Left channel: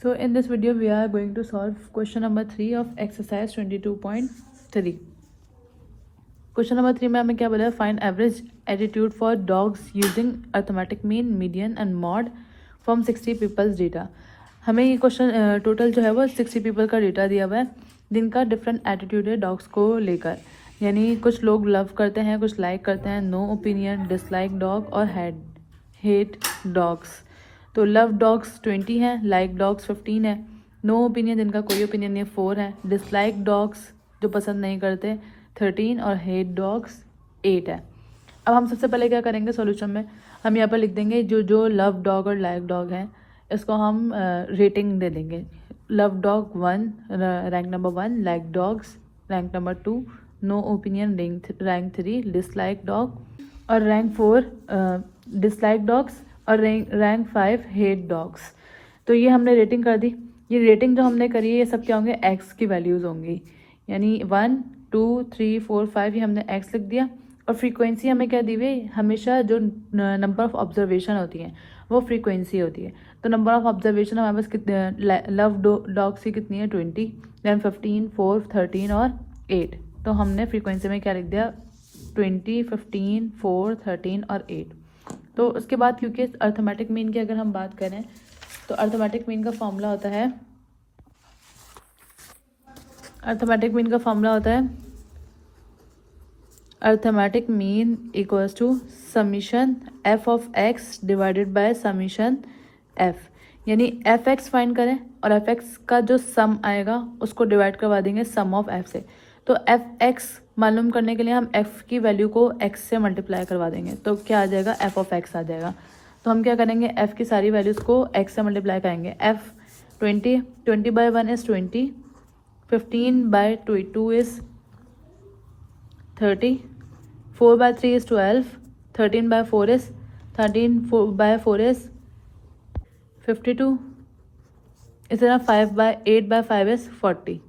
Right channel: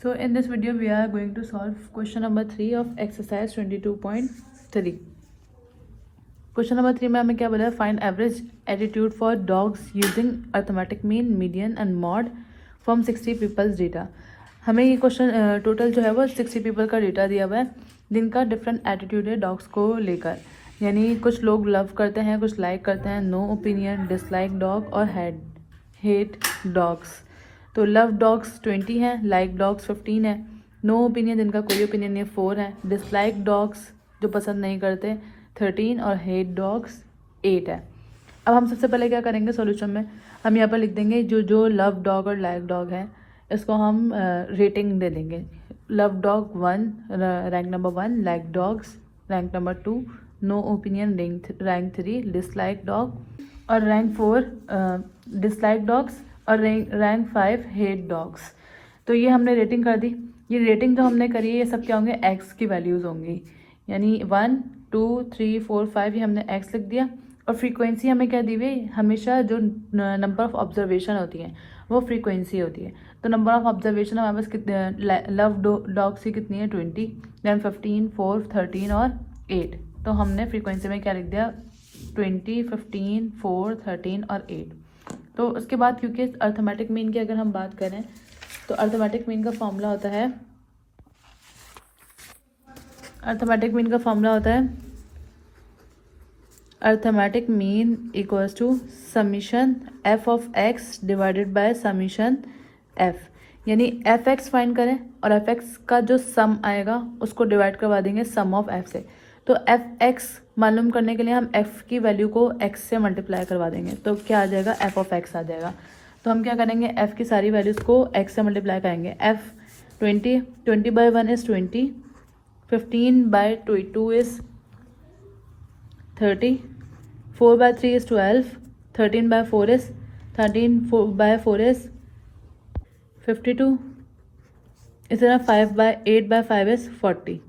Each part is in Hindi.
So in this video we are going to solve question number 3 of exercise 22.3. Question number 3 में हमें क्या बोला है, find average attitude for dogs using arithmetic mean, median and mod from 60 people's data. हमें ये क्वेश्चन टोटल जो है वो 60 पीपल का डेटा दिया हुआ है जिनका डिफरेंट एटीट्यूड है डॉग्स को लेकर, यानी कुछ लोग लव करते हैं, कुछ लाइक करते हैं, नो ओपिनियन, डिसलाइक डॉग और हेट डॉग्स। तो लव डॉग्स 20 हैं, लाइक डॉग्स 15 है, नो ओपिनियन जिनका कोई ओपिनियन नहीं 4 है, डिसलाइक डॉग्स जो पसंद नहीं करते 13 और हेट डॉग्स 8 है। अब हम सबसे पहले क्या करेंगे, सॉल्यूशन में हम यहाँ पर लिख देंगे जो जो लव डॉग और लाइक डॉग है इसको हम रेटिंग दे देंगे। Love dog 1 rank number 1, like dogs rank number 2, no opinion rank 3, dislike dog और रैंक 4 डिसलाइक डॉग्स और रैंक 5 हेट डॉग्स। तो ये हमने रेटिंग कर दी। ये रेटिंग जो हमने करी है ये सब क्या होंगे, एक्स की वैल्यूज़ होंगी, यानी 1 2 3 4 5 ये हमने एक्स लिख दिया। और फ्रीक्वेंसी हमें क्या दी हुई, हमेशा जो नंबर ऑफ ऑब्जर्वेशन होती है वो फ्रीक्वेंसी होती है। तो नंबर ऑफ ऑब्जर्वेशन हमारे पास कितने, लव डॉग्स की कितनी है 20, दैन 15 4 13 और 8। तो हमने फ्रीक्वेंसी में क्या लिख दिया 20 15 4 13 और 8। तो उसके बाद क्योंकि अर्थमेटिक मीन की अगर हम बात करें तो अर्थमेटिक मीन का फॉर्मूला होता है, अर्थमेटिक मीन का फॉर्मूला होता है arithmetic mean equals to summation F of X divided by summation F, यानी एफ एक्स फाइंड करें और एफ एक्स का जो सम आएगा उसको डिवाइड करवा देंगे सम ऑफ एफ से। तो एफ एक्स मालूम करने के लिए हम एफ की वैल्यू को एक्स से मल्टीप्लाई करवा देंगे, तो क्या आ जाएगा एफ ऑफ एक्स आ जाएगा। तो हम क्या करेंगे, एफ की सारी वैल्यूज़ को एक्स से मल्टीप्लाई करेंगे। F 20 by 1 is 20, 15 by 2 is 30, 4 by 3 is 12, 13 by 4 is 13 by 4 is 52, इस तरह 8 बाई 5 इज़ 40।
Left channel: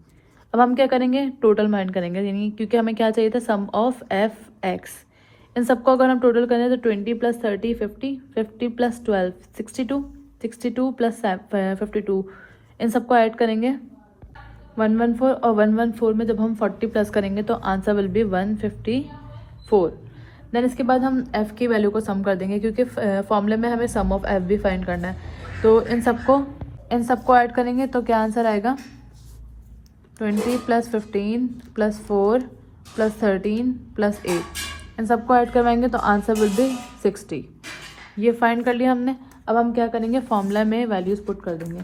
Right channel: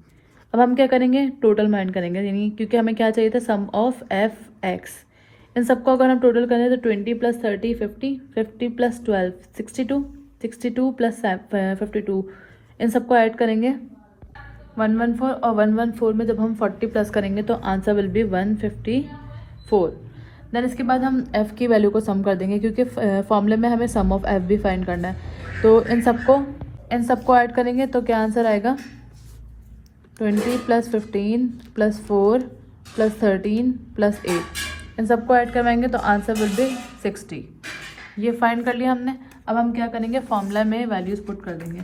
अब हम क्या करेंगे, टोटल माइंड करेंगे, यानी क्योंकि हमें क्या चाहिए था सम ऑफ एफ एक्स। इन सबको अगर हम टोटल करें तो 20 प्लस 30 50, 50 प्लस 12 62, 62 प्लस 52, इन सबको ऐड करेंगे 114 और 114 में जब हम 40 प्लस करेंगे तो आंसर विल बी 154। देन इसके बाद हम एफ़ की वैल्यू को सम कर देंगे क्योंकि फॉर्मूले में हमें सम ऑफ एफ भी फाइंड करना है। तो इन सबको ऐड करेंगे तो क्या आंसर आएगा 20 प्लस 15 प्लस 4 प्लस 13 प्लस 8, इन सबको ऐड करवाएंगे तो आंसर विल बी 60। ये फाइंड कर लिया हमने। अब हम क्या करेंगे, फॉर्मूला में वैल्यूज़ पुट कर देंगे।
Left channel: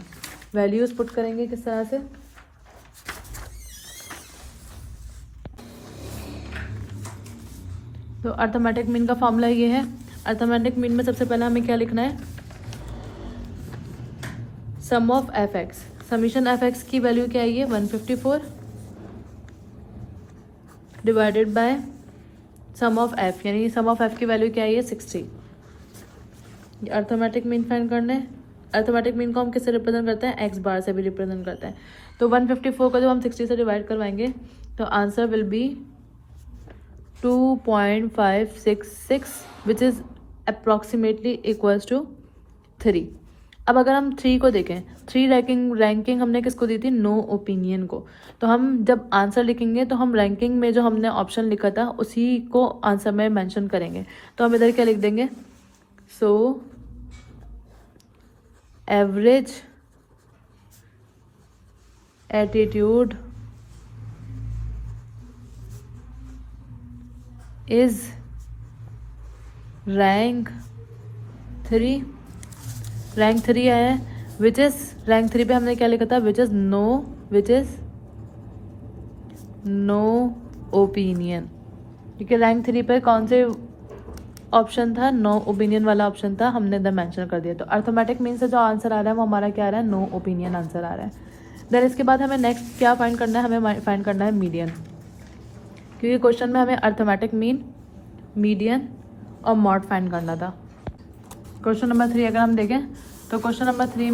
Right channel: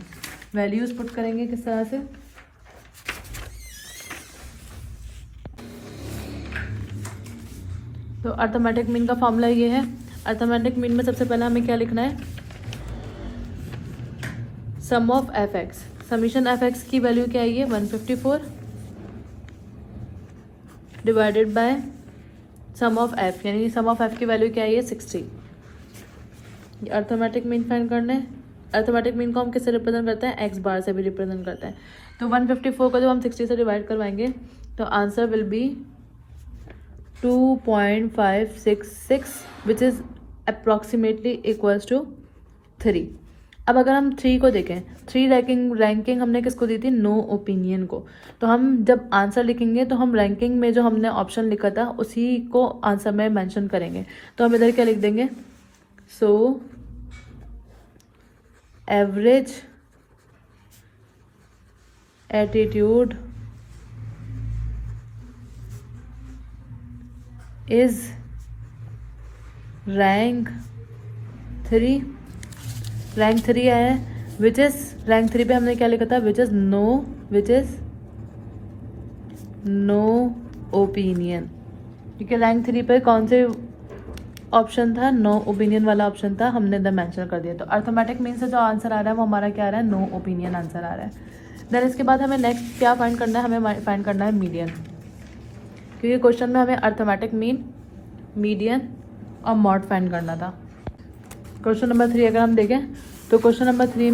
वैल्यूज़ पुट करेंगे किस तरह से, तो अर्थमेटिक मीन का फॉर्मूला ये है। अर्थमेटिक मीन में सबसे पहले हमें क्या लिखना है, sum of F x. Summation F x की वैल्यू क्या है, ये 154 divided by sum of f, यानी सम ऑफ एफ की वैल्यू क्या है, ये 60। अर्थमेटिक मीन फाइंड करने, अर्थमेटिक मीन को हम किससे रिप्रेजेंट करते हैं, एक्स बार से भी रिप्रेजेंट करते हैं। तो 154 को जब हम 60 से डिवाइड करवाएंगे तो answer will be 2.566 which is approximately equals to 3। अब अगर हम 3 को देखें, 3 रैंकिंग हमने किसको दी थी, नो ओपिनियन को। तो हम जब आंसर लिखेंगे तो हम रैंकिंग में जो हमने ऑप्शन लिखा था उसी को आंसर में मेंशन करेंगे। तो हम इधर क्या लिख देंगे, so average attitude is rank 3, rank 3 आया है, विच इज रैंक 3 पे हमने क्या लिखा था, विच इज नो ओपिनियन, क्योंकि रैंक 3 पर कौन से ऑप्शन था, नो ओपिनियन वाला ऑप्शन था, हमने इधर मेंशन कर दिया। तो अर्थमेटिक मीन से जो आंसर आ रहा है वो हमारा क्या आ रहा है, नो ओपिनियन आंसर आ रहा है। देन इसके बाद हमें नेक्स्ट क्या फाइंड करना है, हमें फाइंड करना है मीडियन, क्योंकि क्वेश्चन में हमें अर्थमेटिक मीन, मीडियन और मॉड फाइंड करना था। क्वेश्चन नंबर 3 अगर हम देखें तो क्वेश्चन नंबर 3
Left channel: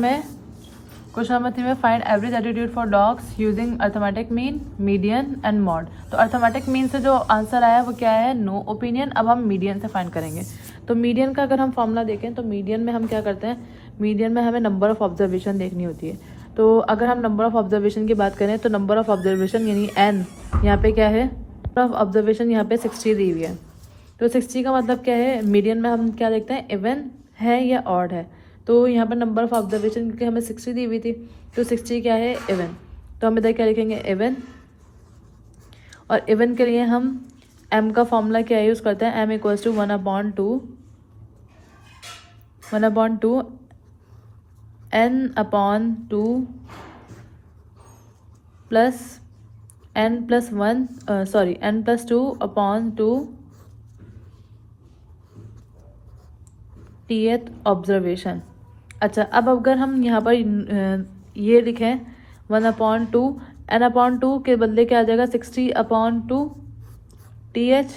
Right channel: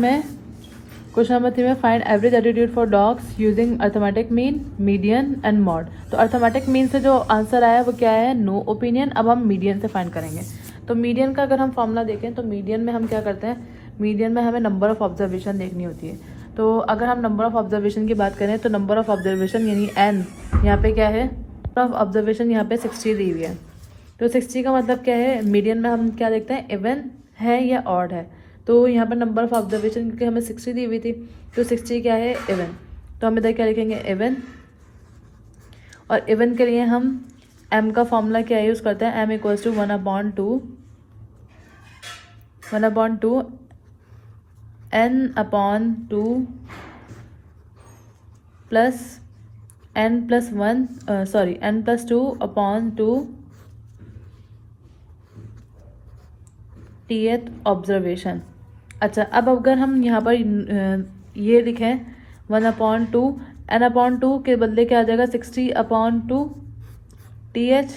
में find average attitude for dogs using arithmetic mean, median and mod. तो अर्थमेटिक मीन से जो आंसर आया वो क्या है, नो ओपिनियन। अब हम मीडियन से फाइंड करेंगे। तो मीडियन का अगर हम फॉर्मूला देखें तो मीडियन में हम क्या करते हैं, मीडियन में हमें नंबर ऑफ ऑब्जर्वेशन देखनी होती है। तो अगर हम नंबर ऑफ ऑब्जर्वेशन की बात करें तो नंबर ऑफ ऑब्जर्वेशन यानी n, यहाँ पे क्या है, नंबर ऑफ ऑब्जर्वेशन यहाँ पे 60 दी हुई है। तो 60 का मतलब क्या है, मीडियन में हम क्या देखते हैं, इवन है या ऑड है। तो यहाँ पर नंबर ऑफ ऑब्जर्वेशन क्योंकि हमें 60 दी हुई थी, तो 60 क्या है, इवन। तो हम इधर क्या लिखेंगे, इवन। और इवन के लिए हम m का फॉर्मूला क्या यूज़ करते हैं, m equals to 1/2 n/2 plus n+2/2 th observation. अच्छा, अब अगर हम यहाँ पर ये लिखें 1/2, n/2 के बदले क्या आ जाएगा, 60/2 TH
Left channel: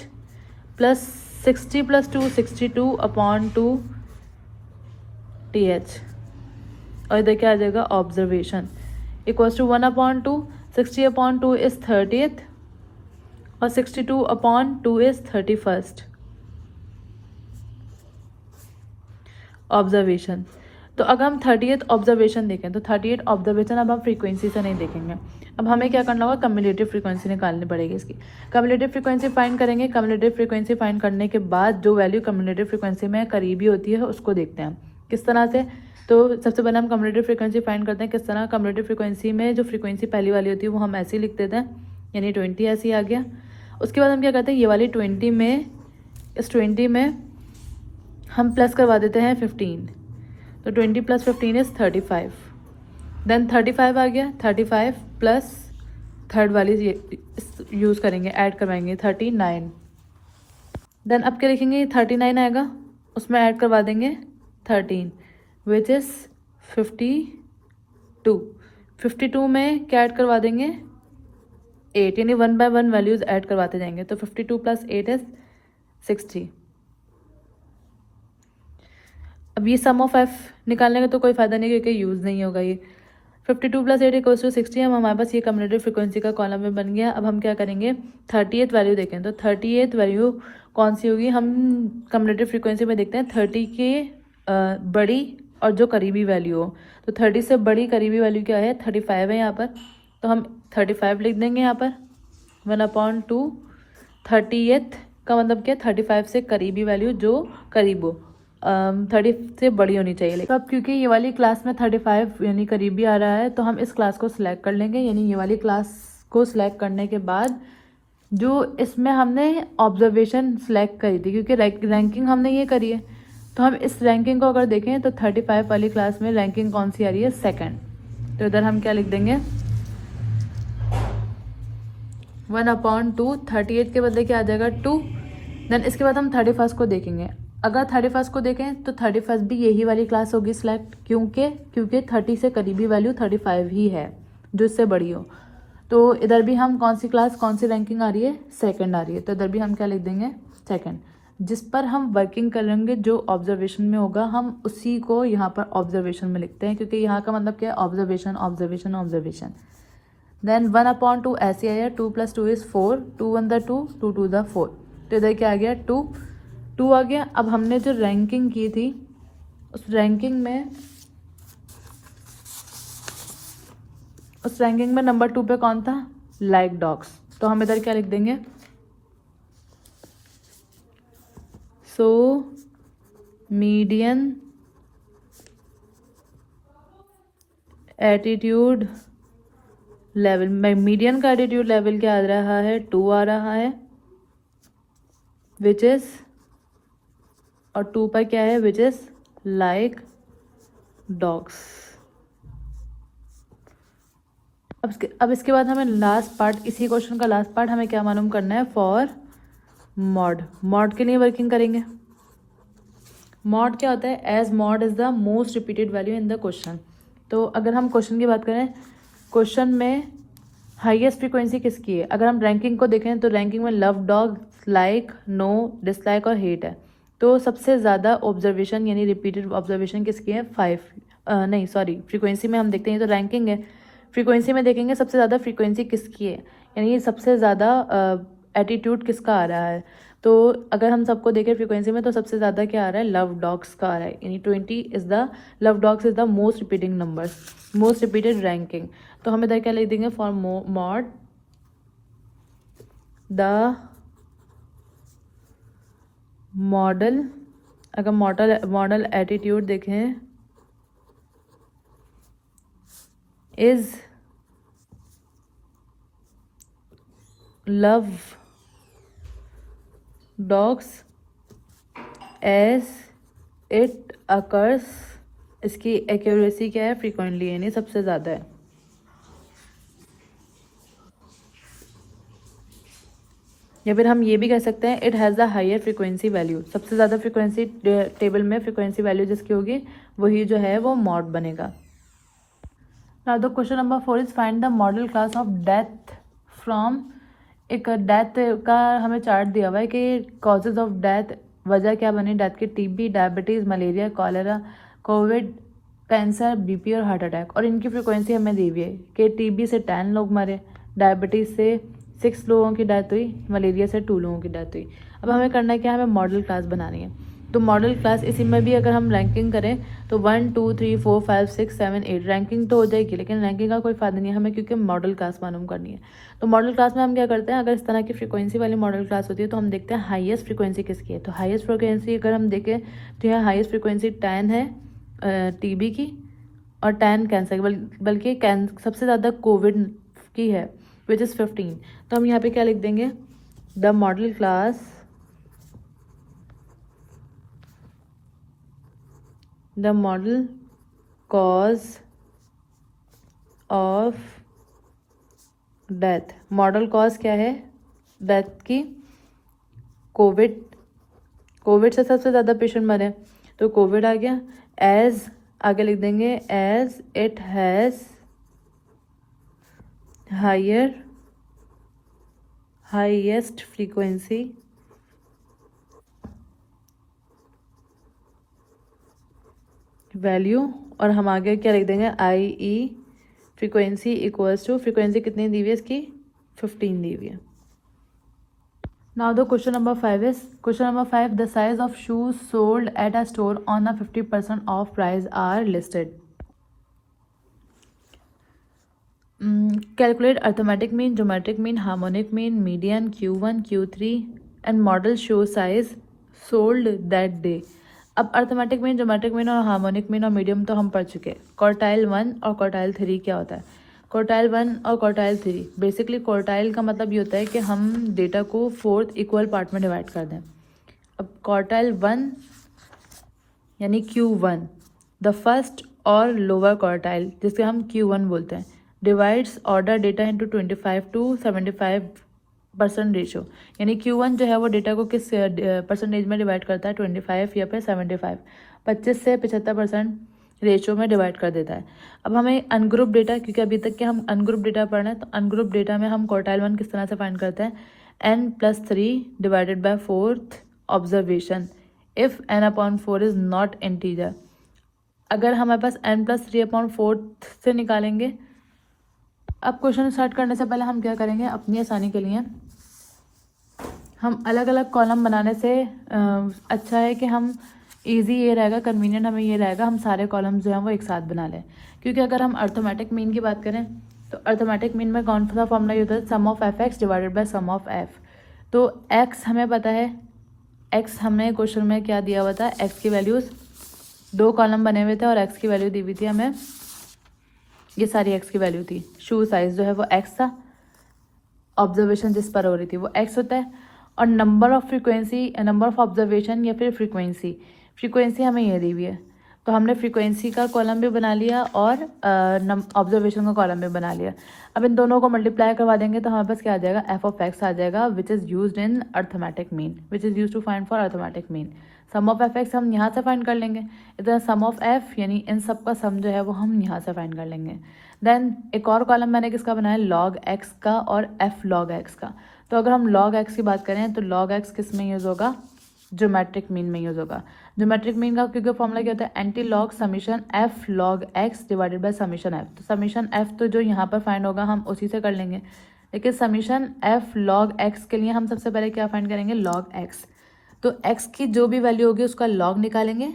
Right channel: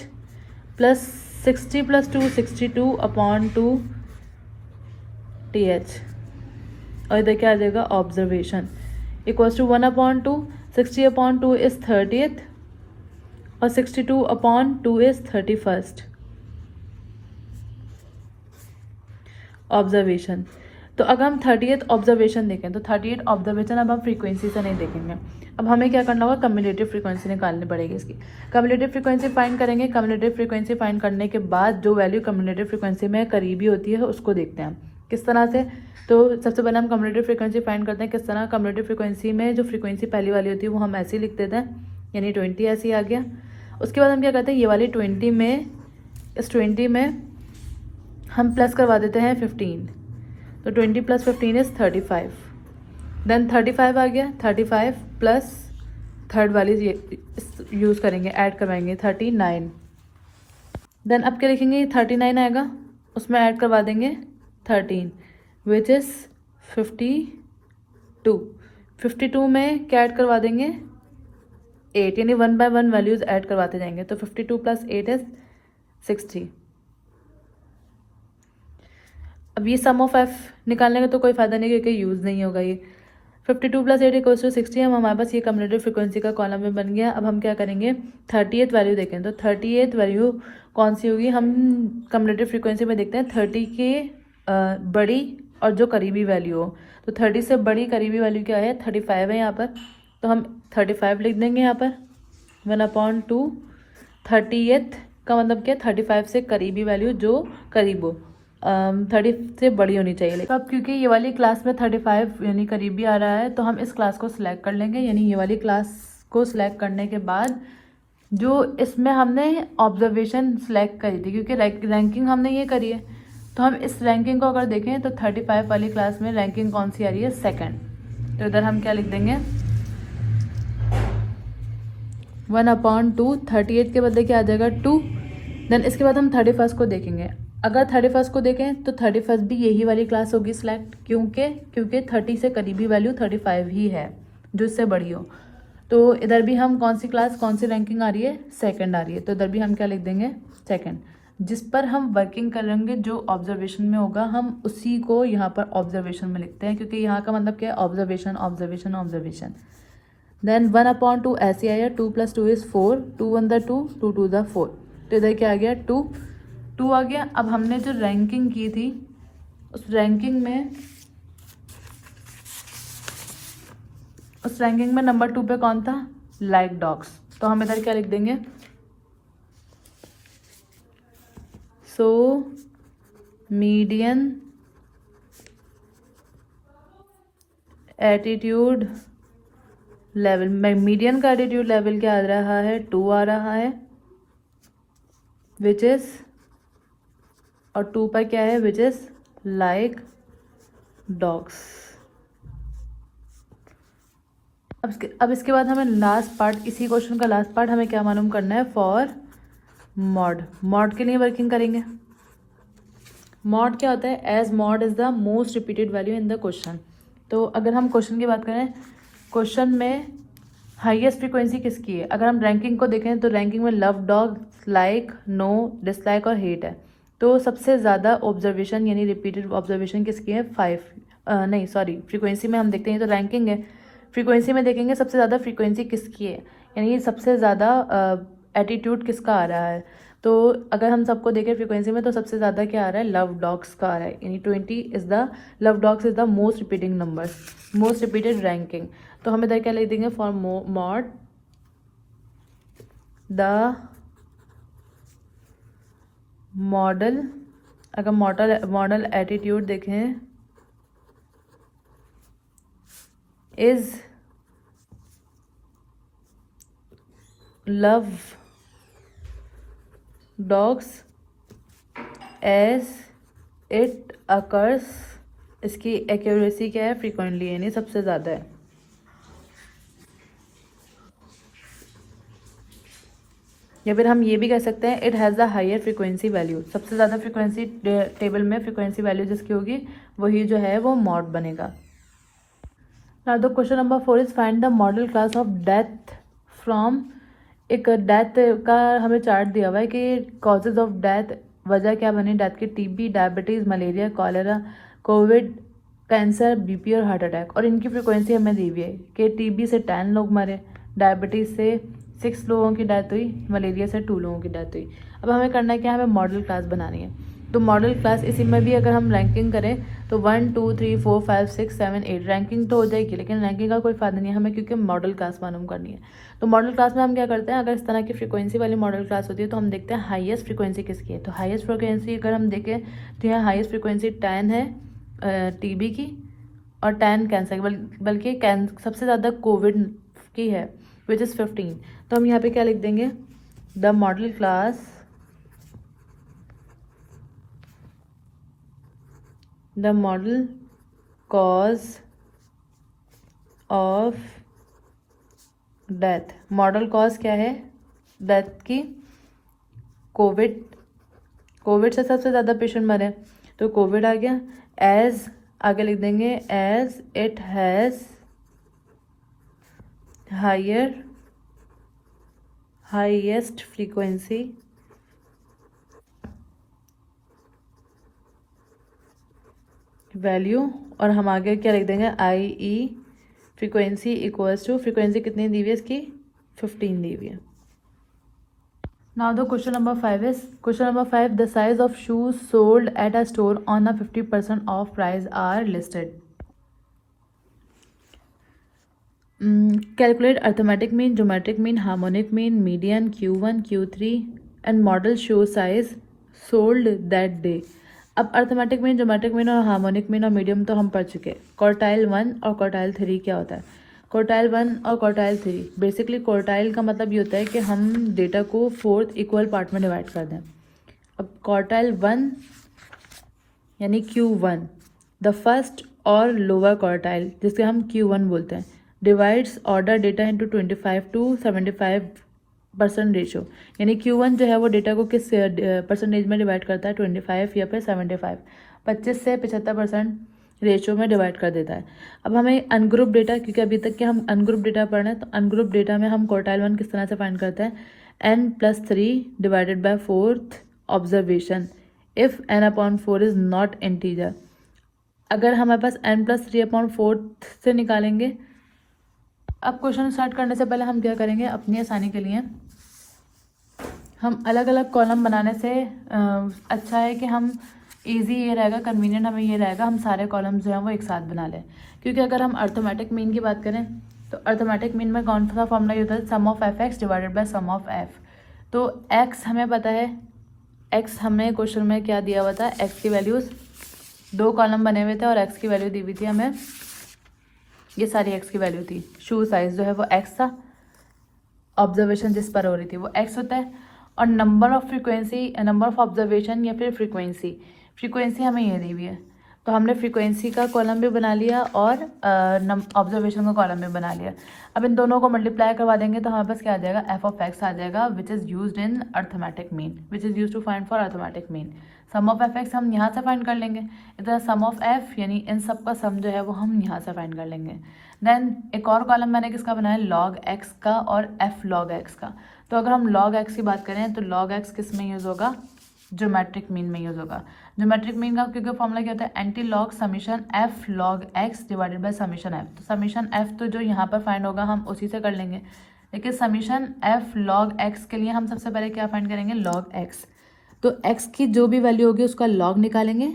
प्लस 60+2 62/2 TH, और इधर क्या आ जाएगा, observation equals to 1/2, 60/2 is 30th और 62/2 इज 31st ऑब्जर्वेशन। तो अगर हम 30th ऑब्जर्वेशन देखें तो 30th ऑब्जर्वेशन अब हम फ्रीक्वेंसी से नहीं देखेंगे, अब हमें क्या करना होगा, कम्युलेटिव फ्रीक्वेंसी निकालनी पड़ेगी इसकी। कम्युलेटिव फ्रीक्वेंसी फाइंड करेंगे, कम्युलेटिव फ्रीक्वेंसी फाइंड करने के बाद जो वैल्यू कम्युलेटिव फ्रीक्वेंसी में करीबी होती है उसको देखते हैं किस तरह से। तो सबसे पहले हम कम्युलेटिव फ्रीक्वेंसी फाइंड करते हैं किस तरह। कम्युलेटिव फ्रीक्वेंसी में जो फ्रीक्वेंसी पहली वाली होती है वो हम ऐसे ही लिख देते हैं, यानी 20 ऐसे ही आ गया। उसके बाद हम क्या करते हैं, ये वाली 20 में, इस 20 में हम प्लस करवा देते हैं 15, तो 20 + 15 इज 35। देन 35 आ गया, 35 प्लस थर्ड वाली यूज़ करेंगे, ऐड करवाएंगे 39। देन अब क्या लिखेंगे, 39 आएगा, उसमें ऐड करवा देंगे 13 विच इज़ 52। 52 में क्या ऐड करवा देंगे, 8, यानी 1 by 1 वैल्यूज़ ऐड करवाते जाएंगे। तो 52 + 8 इज 60। अब ये सम ऑफ एफ निकालने का तो कोई फायदा नहीं क्योंकि यूज़ नहीं होगा ये। 52 + 8 = 60 है, हमारे पास ये कम्युलेटिव फ्रीक्वेंसी का कॉलम में बन गया। अब हम क्या करेंगे, 30th वैल्यू देखें, तो 30th वैल्यू कौन सी होगी, हम कम्युलेटिव फ्रीक्वेंसी में देखते हैं 30 के बड़ी और जो करीबी वैल्यू हो। तो 30 से बड़ी करीबी वैल्यू क्या है, 35 है यहाँ पर, तो हम 35 लिख देंगे यहाँ पर 1/2। 30th का मतलब क्या, 35 से करीबी वैल्यू जो करीब हो, 30 से बड़ी होनी चाहिए। तो अब क्योंकि ये वाली क्लास में 35 यानी करीबी आ रहा है, तो हम इस क्लास को सिलेक्ट कर लेंगे। यानी ये वाली क्लास को सिलेक्ट करने के बाद जो इसमें हमने ऑब्जर्वेशन सिलेक्ट करी थी, क्योंकि रैंकिंग हमने ये करी है, तो हम इस रैंकिंग को अगर देखें तो 35 वाली क्लास में रैंकिंग कौन सी आ रही है, सेकंड। तो इधर हम क्या लिख देंगे, 1/2, 38 के बदले क्या आ जाएगा 2। देन इसके बाद हम 31 को देखेंगे। अगर 31 को देखें तो 31 भी यही वाली क्लास होगी सिलेक्ट, क्योंकि 30 से करीबी वैल्यू 35 ही है जो उससे बड़ी हो। तो इधर भी हम कौन सी क्लास, कौन सी रैंकिंग आ रही है, सेकंड आ रही है, तो इधर भी हम क्या लिख देंगे, सेकंड। जिस पर हम वर्किंग करेंगे, जो ऑब्जर्वेशन में होगा हम उसी को यहाँ पर ऑब्जर्वेशन में लिखते हैं, क्योंकि यहाँ का मतलब क्या है, ऑब्जर्वेशन ऑब्जर्वेशन ऑब्जर्वेशन। देन 1/2 ऐसे आया, 2 + 2 इज 4, 2 1 × 2, 2 2 × 4, तो इधर क्या आ गया, 2 आ गया। अब हमने जो रैंकिंग की थी उस रैंकिंग में नंबर 2 पे कौन था, लाइक डॉग्स, तो हम इधर क्या लिख देंगे, सो मीडियन एटीट्यूड लेवल में, मीडियन का एटीट्यूड लेवल क्या आ रहा है, 2 आ रहा है, विच इज, और 2 पर क्या है, विच इज लाइक डॉग्स। अब इसके बाद हमें लास्ट पार्ट, इसी क्वेश्चन का लास्ट पार्ट हमें क्या मालूम करना है, फॉर मॉड के लिए वर्किंग करेंगे। मॉड क्या होता है, as mode is the most repeated value in the question. तो अगर हम क्वेश्चन की बात करें, क्वेश्चन में हाईएस्ट फ्रीक्वेंसी किसकी है, अगर हम रैंकिंग को देखें तो रैंकिंग में love dog, like, no, dislike और हेट है। तो सबसे ज़्यादा ऑब्जर्वेशन यानी रिपीटेड ऑब्जर्वेशन किसकी है, 5, नहीं सॉरी, फ्रीक्वेंसी में हम देखते हैं तो रैंकिंग है, फ्रीक्वेंसी में देखेंगे सबसे ज़्यादा फ्रीक्वेंसी किसकी है, यानी सबसे ज़्यादा एटीट्यूड किसका आ रहा है। तो अगर हम सबको देखें फ्रीक्वेंसी में तो सबसे ज़्यादा क्या आ रहा है, लव डॉग्स का आ रहा है, यानी 20 is the love dogs is the most repeating number, most repeated ranking. तो हमें इधर क्या लिख देंगे, फॉर मॉड द मॉडल, अगर मॉडल एटीट्यूड देखें is love dogs as it occurs, इसकी एक्यूरेसी क्या है, फ्रीक्वेंटली, यानी सबसे ज़्यादा है। या फिर हम ये भी कह सकते हैं it has the higher frequency value, सबसे ज़्यादा फ्रीक्वेंसी टेबल में फ्रीक्वेंसी वैल्यू जिसकी होगी वही जो है वो मॉड बनेगा। Now the question number 4 is find the modal class of death from, एक डेथ का हमें चार्ट दिया हुआ है कि कॉजेज ऑफ डेथ, वजह क्या बनी डेथ की, TB, diabetes, malaria, cholera, Covid, cancer, BP और हार्ट अटैक, और इनकी फ्रीक्वेंसी हमें दी हुई है कि टीबी से 10 लोग मरे, डायबिटीज़ से 6 लोगों की डेथ हुई, मलेरिया से 2 लोगों की डेथ हुई। अब हमें करना है क्या, हमें मॉडल क्लास बनानी है। तो मॉडल क्लास इसी में भी अगर हम रैंकिंग करें तो 1 2 3 4 5 6 7 8 रैंकिंग तो हो जाएगी, लेकिन रैंकिंग का कोई फायदा नहीं है हमें, क्योंकि मॉडल क्लास मालूम करनी है। तो मॉडल क्लास में हम क्या करते हैं, अगर इस तरह की फ्रीक्वेंसी वाली मॉडल क्लास होती है तो हम देखते हैं हाईएस्ट फ्रीक्वेंसी किसकी है। तो हाईएस्ट फ्रीक्वेंसी अगर हम देखें तो यहाँ हाईएस्ट फ्रीक्वेंसी 10 है टीबी की, और 10 कैंसर, बल्कि सबसे ज़्यादा कोविड की है विच इज़ 15। तो हम यहाँ पे क्या लिख देंगे, the modal class, the model cause of death, model cause क्या है डेथ की, कोविड, कोविड से सबसे ज़्यादा पेशेंट मरे तो कोविड आ गया, एज आगे लिख देंगे as it has highest frequency value, और हम आगे क्या लिख देंगे, I E frequency equals to, frequency कितनी दी हुई है इसकी, 15 दी हुई है। Now the question number 5 is, question number 5, the size of shoes sold at a store on a 50% off price are listed. Calculate arithmetic mean, geometric mean, harmonic mean, median, Q1 Q3 and modal shoe size sold that day. अब अर्थमेटिक मीन, ज्योमेट्रिक मीन और हार्मोनिक मीन और मीडियम तो हम पढ़ चुके हैं। क्वार्टाइल 1 और क्वार्टाइल 3 क्या होता है, क्वार्टाइल 1 और क्वार्टाइल 3, बेसिकली क्वार्टाइल का मतलब ये होता है कि हम डेटा को 4 इक्वल पार्ट में डिवाइड कर दें। अब क्वार्टाइल 1 यानी Q1, द फर्स्ट और लोअर क्वार्टाइल जिसके हम Q1 बोलते हैं, divides order data into 25 to 75% ratio, यानी Q1 जो है वो डेटा को किस परसेंटेज में डिवाइड करता है, 25 या फिर 75, 25 से 75% रेशो में डिवाइड कर देता है। अब हमें अनग्रुप डेटा, क्योंकि अभी तक के हम अनग्रुप डेटा पढ़ रहे हैं, तो अनग्रुप डेटा में हम क्वार्टाइल 1 किस तरह से फाइंड करते हैं, n+3 divided by 4th observation if n/4 is not integer. अगर हमारे पास n+3/4 से निकालेंगे। अब क्वेश्चन स्टार्ट करने से पहले हम क्या करेंगे, अपनी आसानी के लिए हम अलग अलग कॉलम बनाने से अच्छा है कि हम इजी ये रहेगा, कन्वीनियंट हमें ये रहेगा, हम सारे कॉलम्स जो हैं वो एक साथ बना लें। क्योंकि अगर हम अर्थमेटिक मीन की बात करें तो अर्थमेटिक मीन में कौन सा फॉर्मूला होता है, sum of F x divided by sum of f. तो एक्स हमें पता है, एक्स हमें क्वेश्चन में क्या दिया हुआ था, एक्स की वैल्यूज 2 कॉलम बने हुए थे और एक्स की वैल्यू दी हुई थी हमें, ये सारी एक्स की वैल्यू थी। शू साइज जो है वो एक्स था, ऑब्जर्वेशन जिस पर हो रही थी वो एक्स होता है, और number of frequency, number of observation या फिर फ्रीक्वेंसी हमें ये दी हुई है। तो हमने फ्रीक्वेंसी का कॉलम भी बना लिया और ऑब्जर्वेशन का कॉलम भी बना लिया। अब इन दोनों को मल्टीप्लाई करवा देंगे तो हमारे पास क्या आ जाएगा, एफ ऑफ एक्स आ जाएगा, which is used in arithmetic mean, which is use to find for arithmetic mean. Sum of F X हम यहाँ से फाइंड कर लेंगे, इधर सम ऑफ एफ यानी इन सब का सम जो है वो हम यहाँ से फाइंड कर लेंगे। देन एक और कॉलम मैंने किसका बनाया, लॉग एक्स का और एफ लॉग एक्स का। तो अगर हम लॉग एक्स की बात करें तो लॉग एक्स किस में यूज़ होगा, ज्योमेट्रिक मीन में यूज़ होगा। ज्योमेट्रिक मीन का क्योंकि फॉर्मूला क्या होता है, anti log summation F log x divided by summation F. तो समीशन एफ तो जो यहाँ पर फाइंड होगा हम उसी से कर लेंगे। लेकिन समीशन एफ लॉग एक्स के लिए हम सबसे पहले क्या फाइंड करेंगे, लॉग एक्स। तो एक्स की जो भी वैल्यू होगी उसका लॉग निकालेंगे,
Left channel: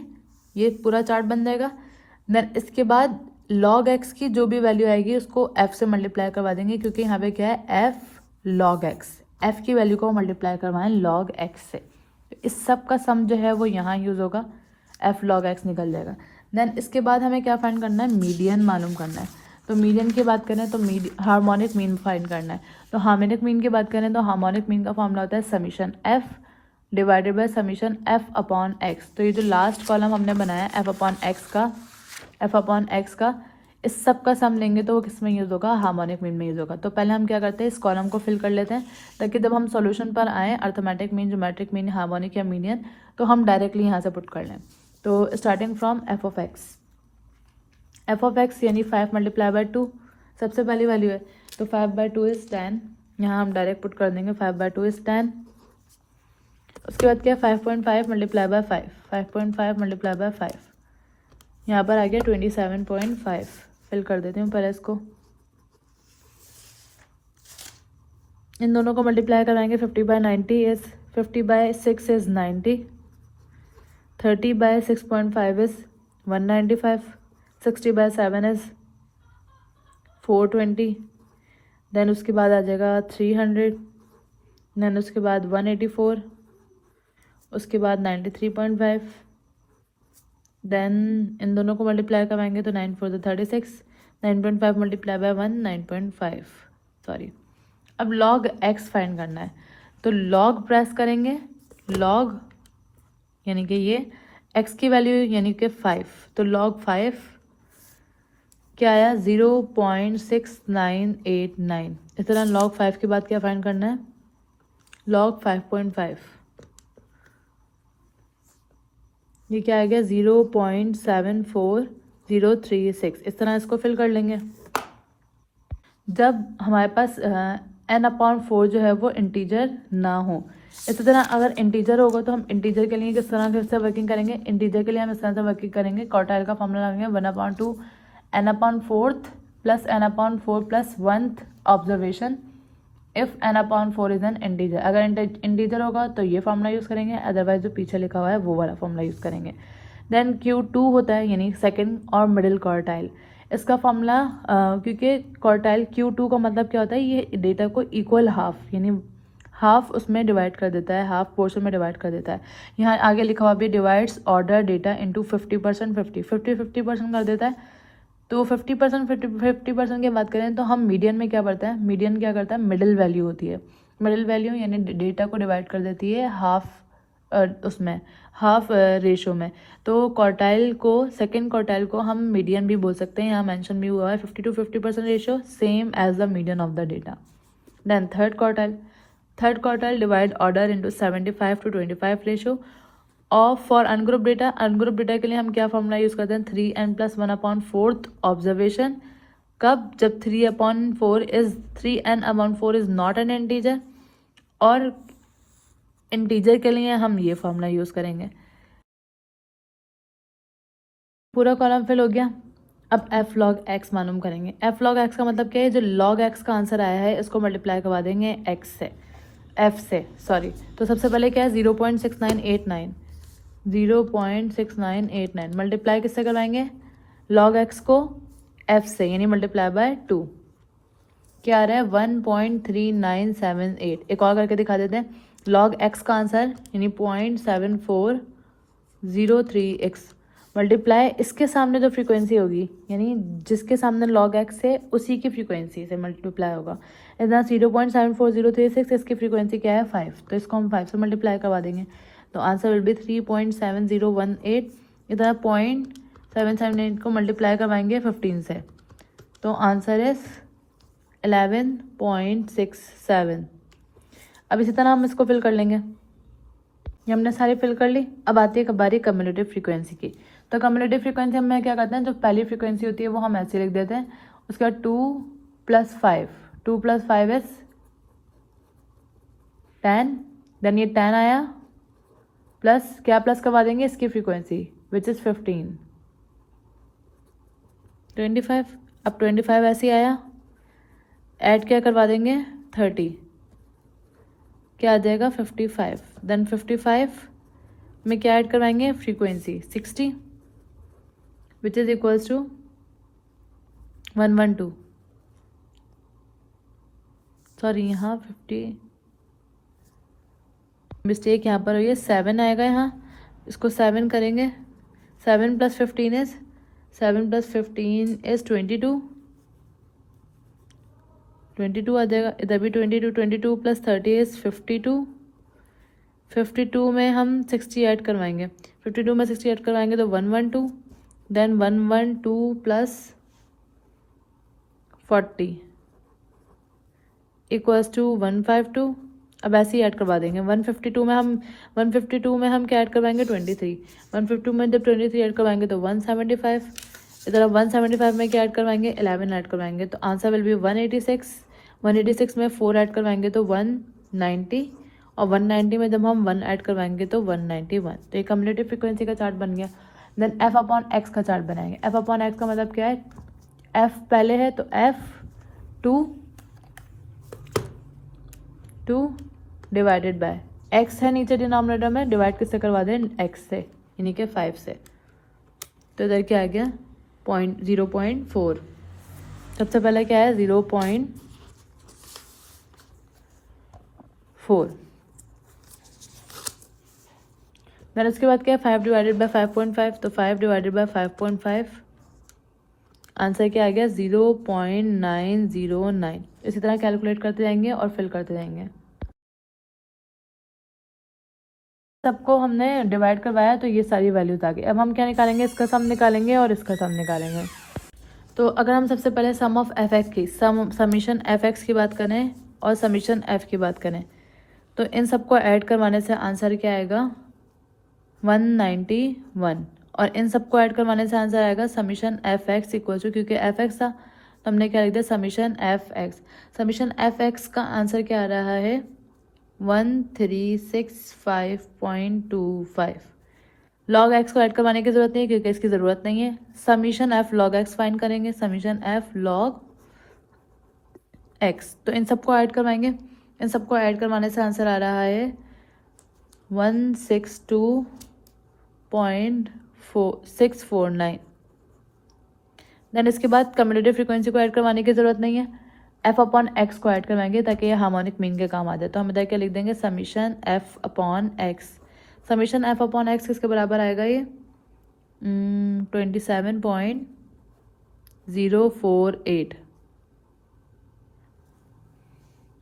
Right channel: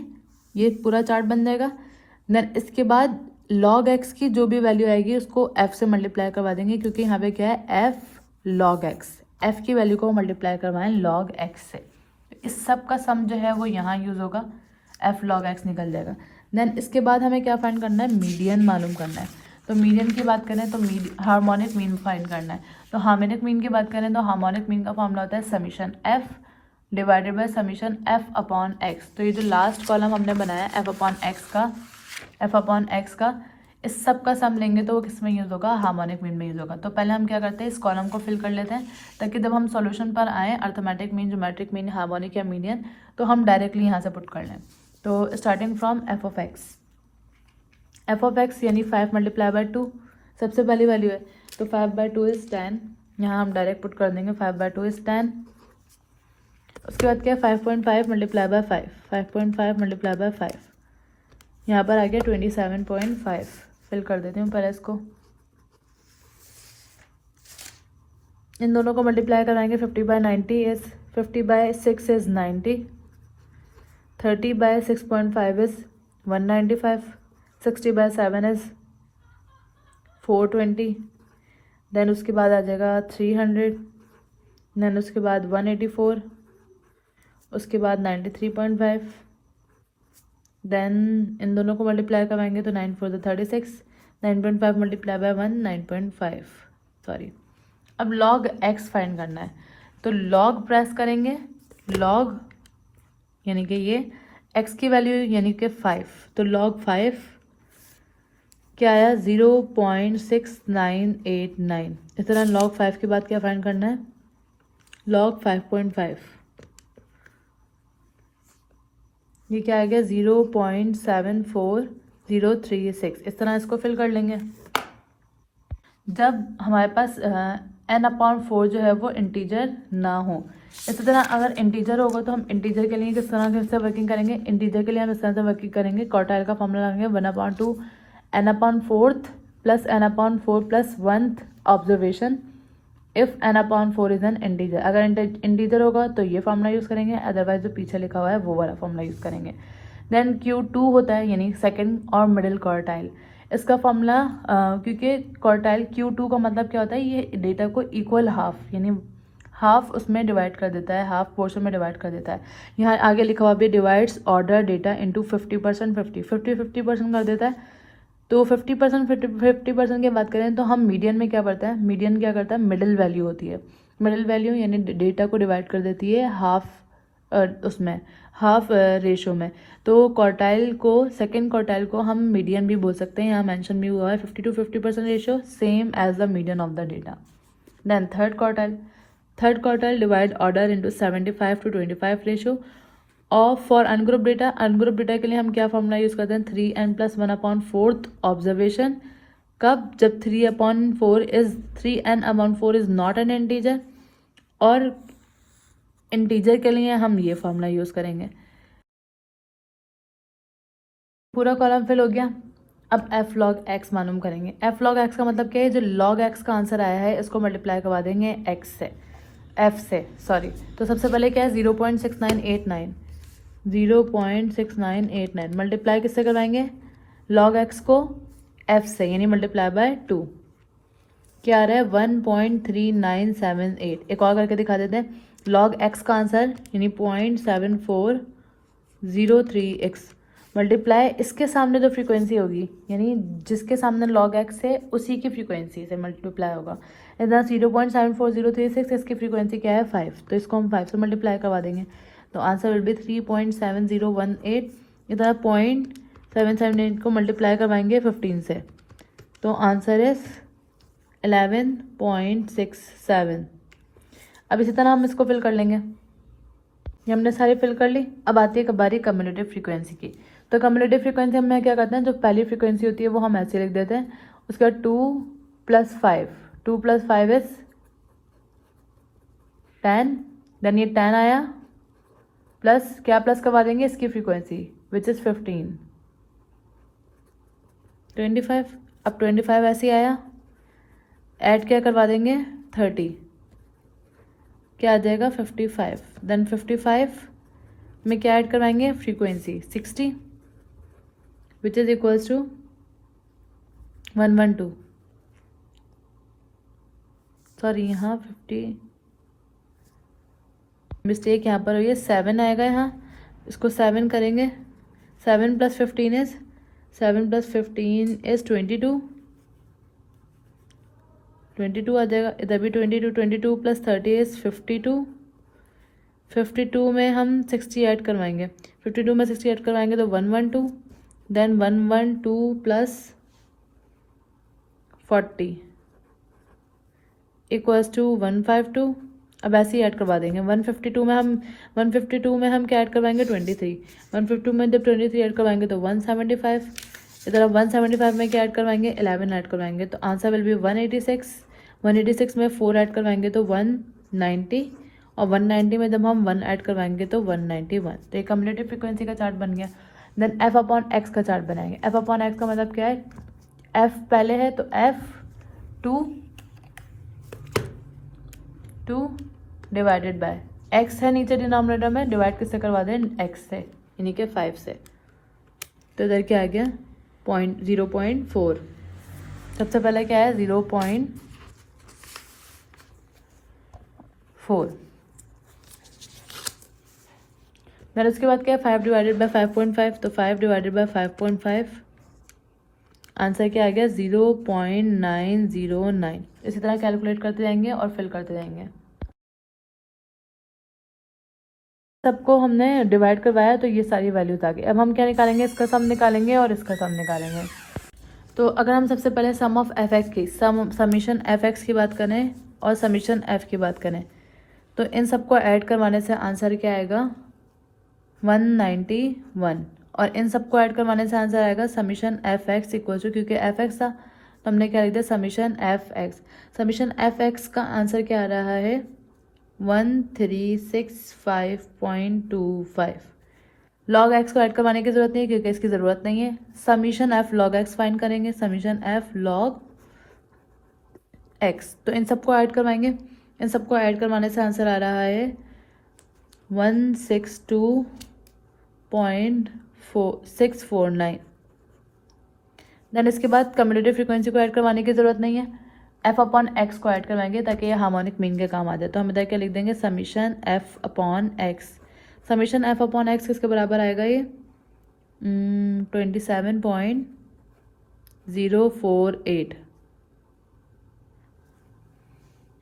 ये पूरा चार्ट बन जाएगा। देन इसके बाद लॉग एक्स की जो भी वैल्यू आएगी उसको एफ से मल्टीप्लाई करवा देंगे, क्योंकि यहाँ पे क्या है, एफ लॉग एक्स, एफ की वैल्यू को मल्टीप्लाई करवाएं लॉग एक्स से। इस सब का सम जो है वो यहाँ यूज़ होगा, एफ लॉग एक्स निकल जाएगा। देन इसके बाद हमें क्या फाइंड करना है, मीडियन मालूम करना है। तो मीडियन की बात करें तो हार्मोनिक मीन फाइंड करना है। तो हार्मोनिक मीन की बात करें तो हार्मोनिक मीन का फॉर्मूला होता है summation F divided by summation F upon x. तो ये जो लास्ट कॉलम हमने बनाया है एफ अपॉन एक्स का, इस सब का सम लेंगे तो वो किस में यूज़ होगा, हार्मोनिक मीन में यूज़ होगा। तो पहले हम क्या करते हैं, इस कॉलम को फिल कर लेते हैं, ताकि जब हम सॉल्यूशन पर आएँ arithmetic mean, geometric mean, harmonic या मीडियन, तो हम डायरेक्टली यहाँ से पुट कर लें। तो starting from F of x यानी 5 मल्टीप्लाई बाय 2 सबसे पहली वैल्यू है, तो 5/2 इज 10। यहाँ हम डायरेक्ट पुट कर देंगे 5/2 इज 10। उसके बाद क्या, 5.5 मल्टीप्लाई बाय 5, 5.5 मल्टीप्लाई बाय 5, यहाँ पर आ गया 27.5। फिल कर देती हूँ पहले इसको, इन दोनों को मल्टीप्लाई कराएंगे। 50/90 is 50/6 is 90, 30/6.5 is 195, 60/7 is 420। Then उसके बाद आ जाएगा 300, देन उसके बाद 184, उसके बाद 93.5। देन इन दोनों को मल्टीप्लाई करवाएंगे तो 9 4 36, 9.5 मल्टीप्लाई बाय 1 9.5, सॉरी। अब लॉग एक्स फाइंड करना है, तो लॉग प्रेस करेंगे, लॉग यानी कि ये एक्स की वैल्यू यानी कि 5, तो लॉग 5 क्या आया, 0.6989। इस तरह लॉग 5 के बाद क्या फाइंड करना है, लॉग 5.5, ये क्या आ गया, 0.74036। इस तरह इसको फिल कर लेंगे। जब हमारे पास n/4 जो है वो इंटीजर ना हो, इसी तरह अगर इंटीजर होगा तो हम इंटीजर के लिए किस तरह से वर्किंग करेंगे, इंटीजर के लिए हम इस तरह से वर्किंग करेंगे, क्वार्टाइल का फॉर्मूला लगाएंगे 1/2 n/4 plus n/4 plus 1th observation if n/4 is an integer. अगर इंटीजर होगा तो ये फॉर्मूला यूज़ करेंगे, अदरवाइज जो पीछे लिखा हुआ है वो वाला फॉर्मूला यूज़ करेंगे। देन Q2 होता है यानी सेकंड और मिडिल क्वार्टाइल, इसका फॉर्मूला क्योंकि क्वार्टाइल Q2 का मतलब क्या होता है, ये डेटा को इक्वल हाफ यानी हाफ उसमें डिवाइड कर देता है, हाफ पोर्शन में डिवाइड कर देता है। यहाँ आगे लिखा हुआ भी डिवाइड्स ऑर्डर डेटा इंटू 50% 50% कर देता है। तो 50% की बात करें तो हम मीडियन में क्या करते हैं, मीडियन क्या करता है, मिडिल वैल्यू होती है, मिडिल वैल्यू यानी डेटा को डिवाइड कर देती है हाफ उसमें, हाफ रेशो में। तो क्वार्टाइल को, सेकंड क्वार्टाइल को हम मीडियन भी बोल सकते हैं, यहाँ मेंशन भी हुआ है 50 to 50% ratio, same as the median of the data. Then third quartile divide order into 75 to 25 ratio. और फॉर अनग्रुप डेटा के लिए हम क्या फॉर्मूला यूज़ करते हैं, 3n + 1/4 ऑब्जर्वेशन। कब, जब 3n/4 is not an integer. और इंटीजर के लिए हम ये फॉर्मूला यूज़ करेंगे। पूरा कॉलम फिल हो गया। अब एफ लॉग एक्स मालूम करेंगे। एफ लॉग एक्स का मतलब क्या है, जो लॉग एक्स का आंसर आया है इसको मल्टीप्लाई करवा देंगे एक्स से, एफ से, सॉरी। तो सबसे पहले क्या है, 0.6989 मल्टीप्लाई किससे करवाएंगे, लॉग एक्स को एफ से यानी मल्टीप्लाई बाय 2, क्या आ रहा है 1.3978। एक और करके दिखा देते हैं, लॉग एक्स का आंसर यानी 0.7403x मल्टीप्लाई इसके सामने जो फ्रीक्वेंसी होगी यानी जिसके सामने लॉग एक्स है उसी की फ्रीक्वेंसी से मल्टीप्लाई होगा। इधर 0.74036, इसकी फ्रीक्वेंसी क्या है 5, तो इसको हम 5 से मल्टीप्लाई करवा देंगे, तो आंसर विल बी 3.7018। इधर 0.778 को मल्टीप्लाई करवाएंगे 15 से, तो आंसर इज 11.67। अब इसी तरह हम इसको फिल कर लेंगे। ये हमने सारी फिल कर ली। अब आती है बारी कम्युलेटिव फ्रीक्वेंसी की। तो कम्युलेटिव फ्रीक्वेंसी हम क्या करते हैं, जो पहली फ्रीक्वेंसी होती है वो हम ऐसे लिख देते हैं, उसके बाद 2 + 5, 2 + 5 इज 10। देन ये 10 आया, प्लस क्या प्लस करवा देंगे इसकी फ्रीक्वेंसी विच इज़ 15, 25। अब 25 ऐसे ही आया, ऐड क्या करवा देंगे 30 क्या आ जाएगा 55। देन 55 में क्या ऐड करवाएंगे frequency 60 which is equals to 112। Sorry यहाँ 50 मिस्टेक यहाँ पर हुई है, 7 आएगा यहाँ, इसको 7 करेंगे। 7 + 15 इज 22 22 आ जाएगा, इधर भी 22 22 + 30 इज 52। 52 में हम 60 ऐड करवाएंगे, 52 में 60 ऐड करवाएंगे तो 112। Then 112 + 40 equals to 152। अब ऐसे ही ऐड करवा देंगे। 152 में हम क्या ऐड करवाएंगे 23। 152 में जब 23 ऐड करवाएंगे तो 175। इधर अब 175 में क्या ऐड करवाएंगे 11 ऐड करवाएंगे तो आंसर विल बी 186। 186 में 4 ऐड करवाएंगे तो 190 और 190 में जब हम 1 ऐड करवाएंगे तो 191। तो ये कम्युलेटिव फ्रीक्वेंसी का चार्ट बन गया। देन f/x का चार्ट बनाएंगे। f/x का मतलब क्या है, f पहले है तो f2 डिवाइडेड बाय x है नीचे डिनोमिनेटर में, डिवाइड किससे करवा दें x से यानी कि 5 से। तो इधर क्या आ गया 0.4। सबसे पहले क्या है 0.4। देन उसके बाद क्या है 5 डिवाइडेड बाय 5.5, तो 5 डिवाइडेड बाय 5.5 आंसर क्या आ गया 0.909। इसी तरह कैलकुलेट करते जाएंगे और फिल करते जाएंगे। सबको हमने डिवाइड करवाया तो ये सारी वैल्यूज आ गई। अब हम क्या निकालेंगे, इसका सम निकालेंगे और इसका सम निकालेंगे। तो अगर हम सबसे पहले सम ऑफ एफ एक्स की समीशन एफ एक्स की बात करें और समीशन एफ की बात करें तो इन सबको ऐड करवाने से आंसर क्या आएगा 191 और इन सबको ऐड करवाने से आंसर आएगा summation F X equal to, क्योंकि एफ एक्स था तो हमने क्या लिख दिया summation F x. Summation F X का आंसर क्या आ रहा है 1365.25। लॉग एक्स को ऐड करवाने की जरूरत नहीं है क्योंकि इसकी ज़रूरत नहीं है। Summation F log x find करेंगे, समीशन एफ लॉग एक्स। तो इन सबको ऐड करवाएंगे, इन सबको ऐड करवाने से आंसर आ रहा है 162.649। देन इसके बाद कम्युलेटिव फ्रीक्वेंसी को ऐड करवाने की जरूरत नहीं है, f/x को ऐड करवाएंगे ताकि ये हार्मोनिक मीन के काम आ जाए। तो हम इधर क्या लिख देंगे समीशन f/x। समीशन f/x किसके बराबर आएगा ये 27.048।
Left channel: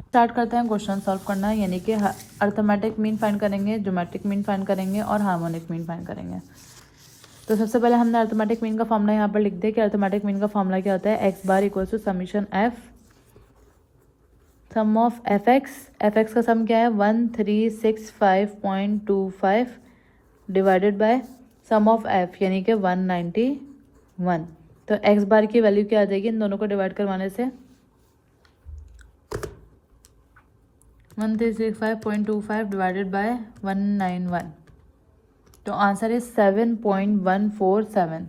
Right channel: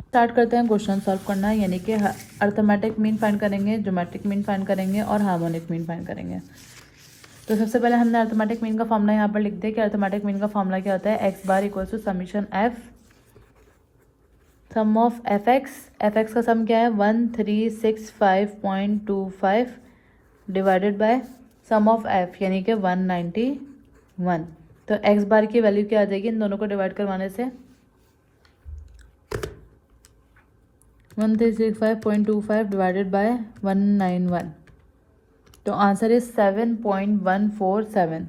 स्टार्ट करते हैं क्वेश्चन सॉल्व करना, यानी कि अर्थमेटिक मीन फाइंड करेंगे, ज्योमेट्रिक मीन फाइंड करेंगे और हार्मोनिक मीन फाइंड करेंगे। तो सबसे पहले हमने अर्थमेटिक मीन का फॉर्मूला यहाँ पर लिख दिया कि अर्थमेटिक मीन का फॉर्मूला क्या होता है x bar equal to summation f sum of F X का सम क्या है 1365.25 divided by sum of f यानी कि 191। तो x बार की वैल्यू क्या आ जाएगी इन दोनों को डिवाइड करवाने से 1365.25 डिवाइडेड बाय 191। तो आंसर इज 7.147।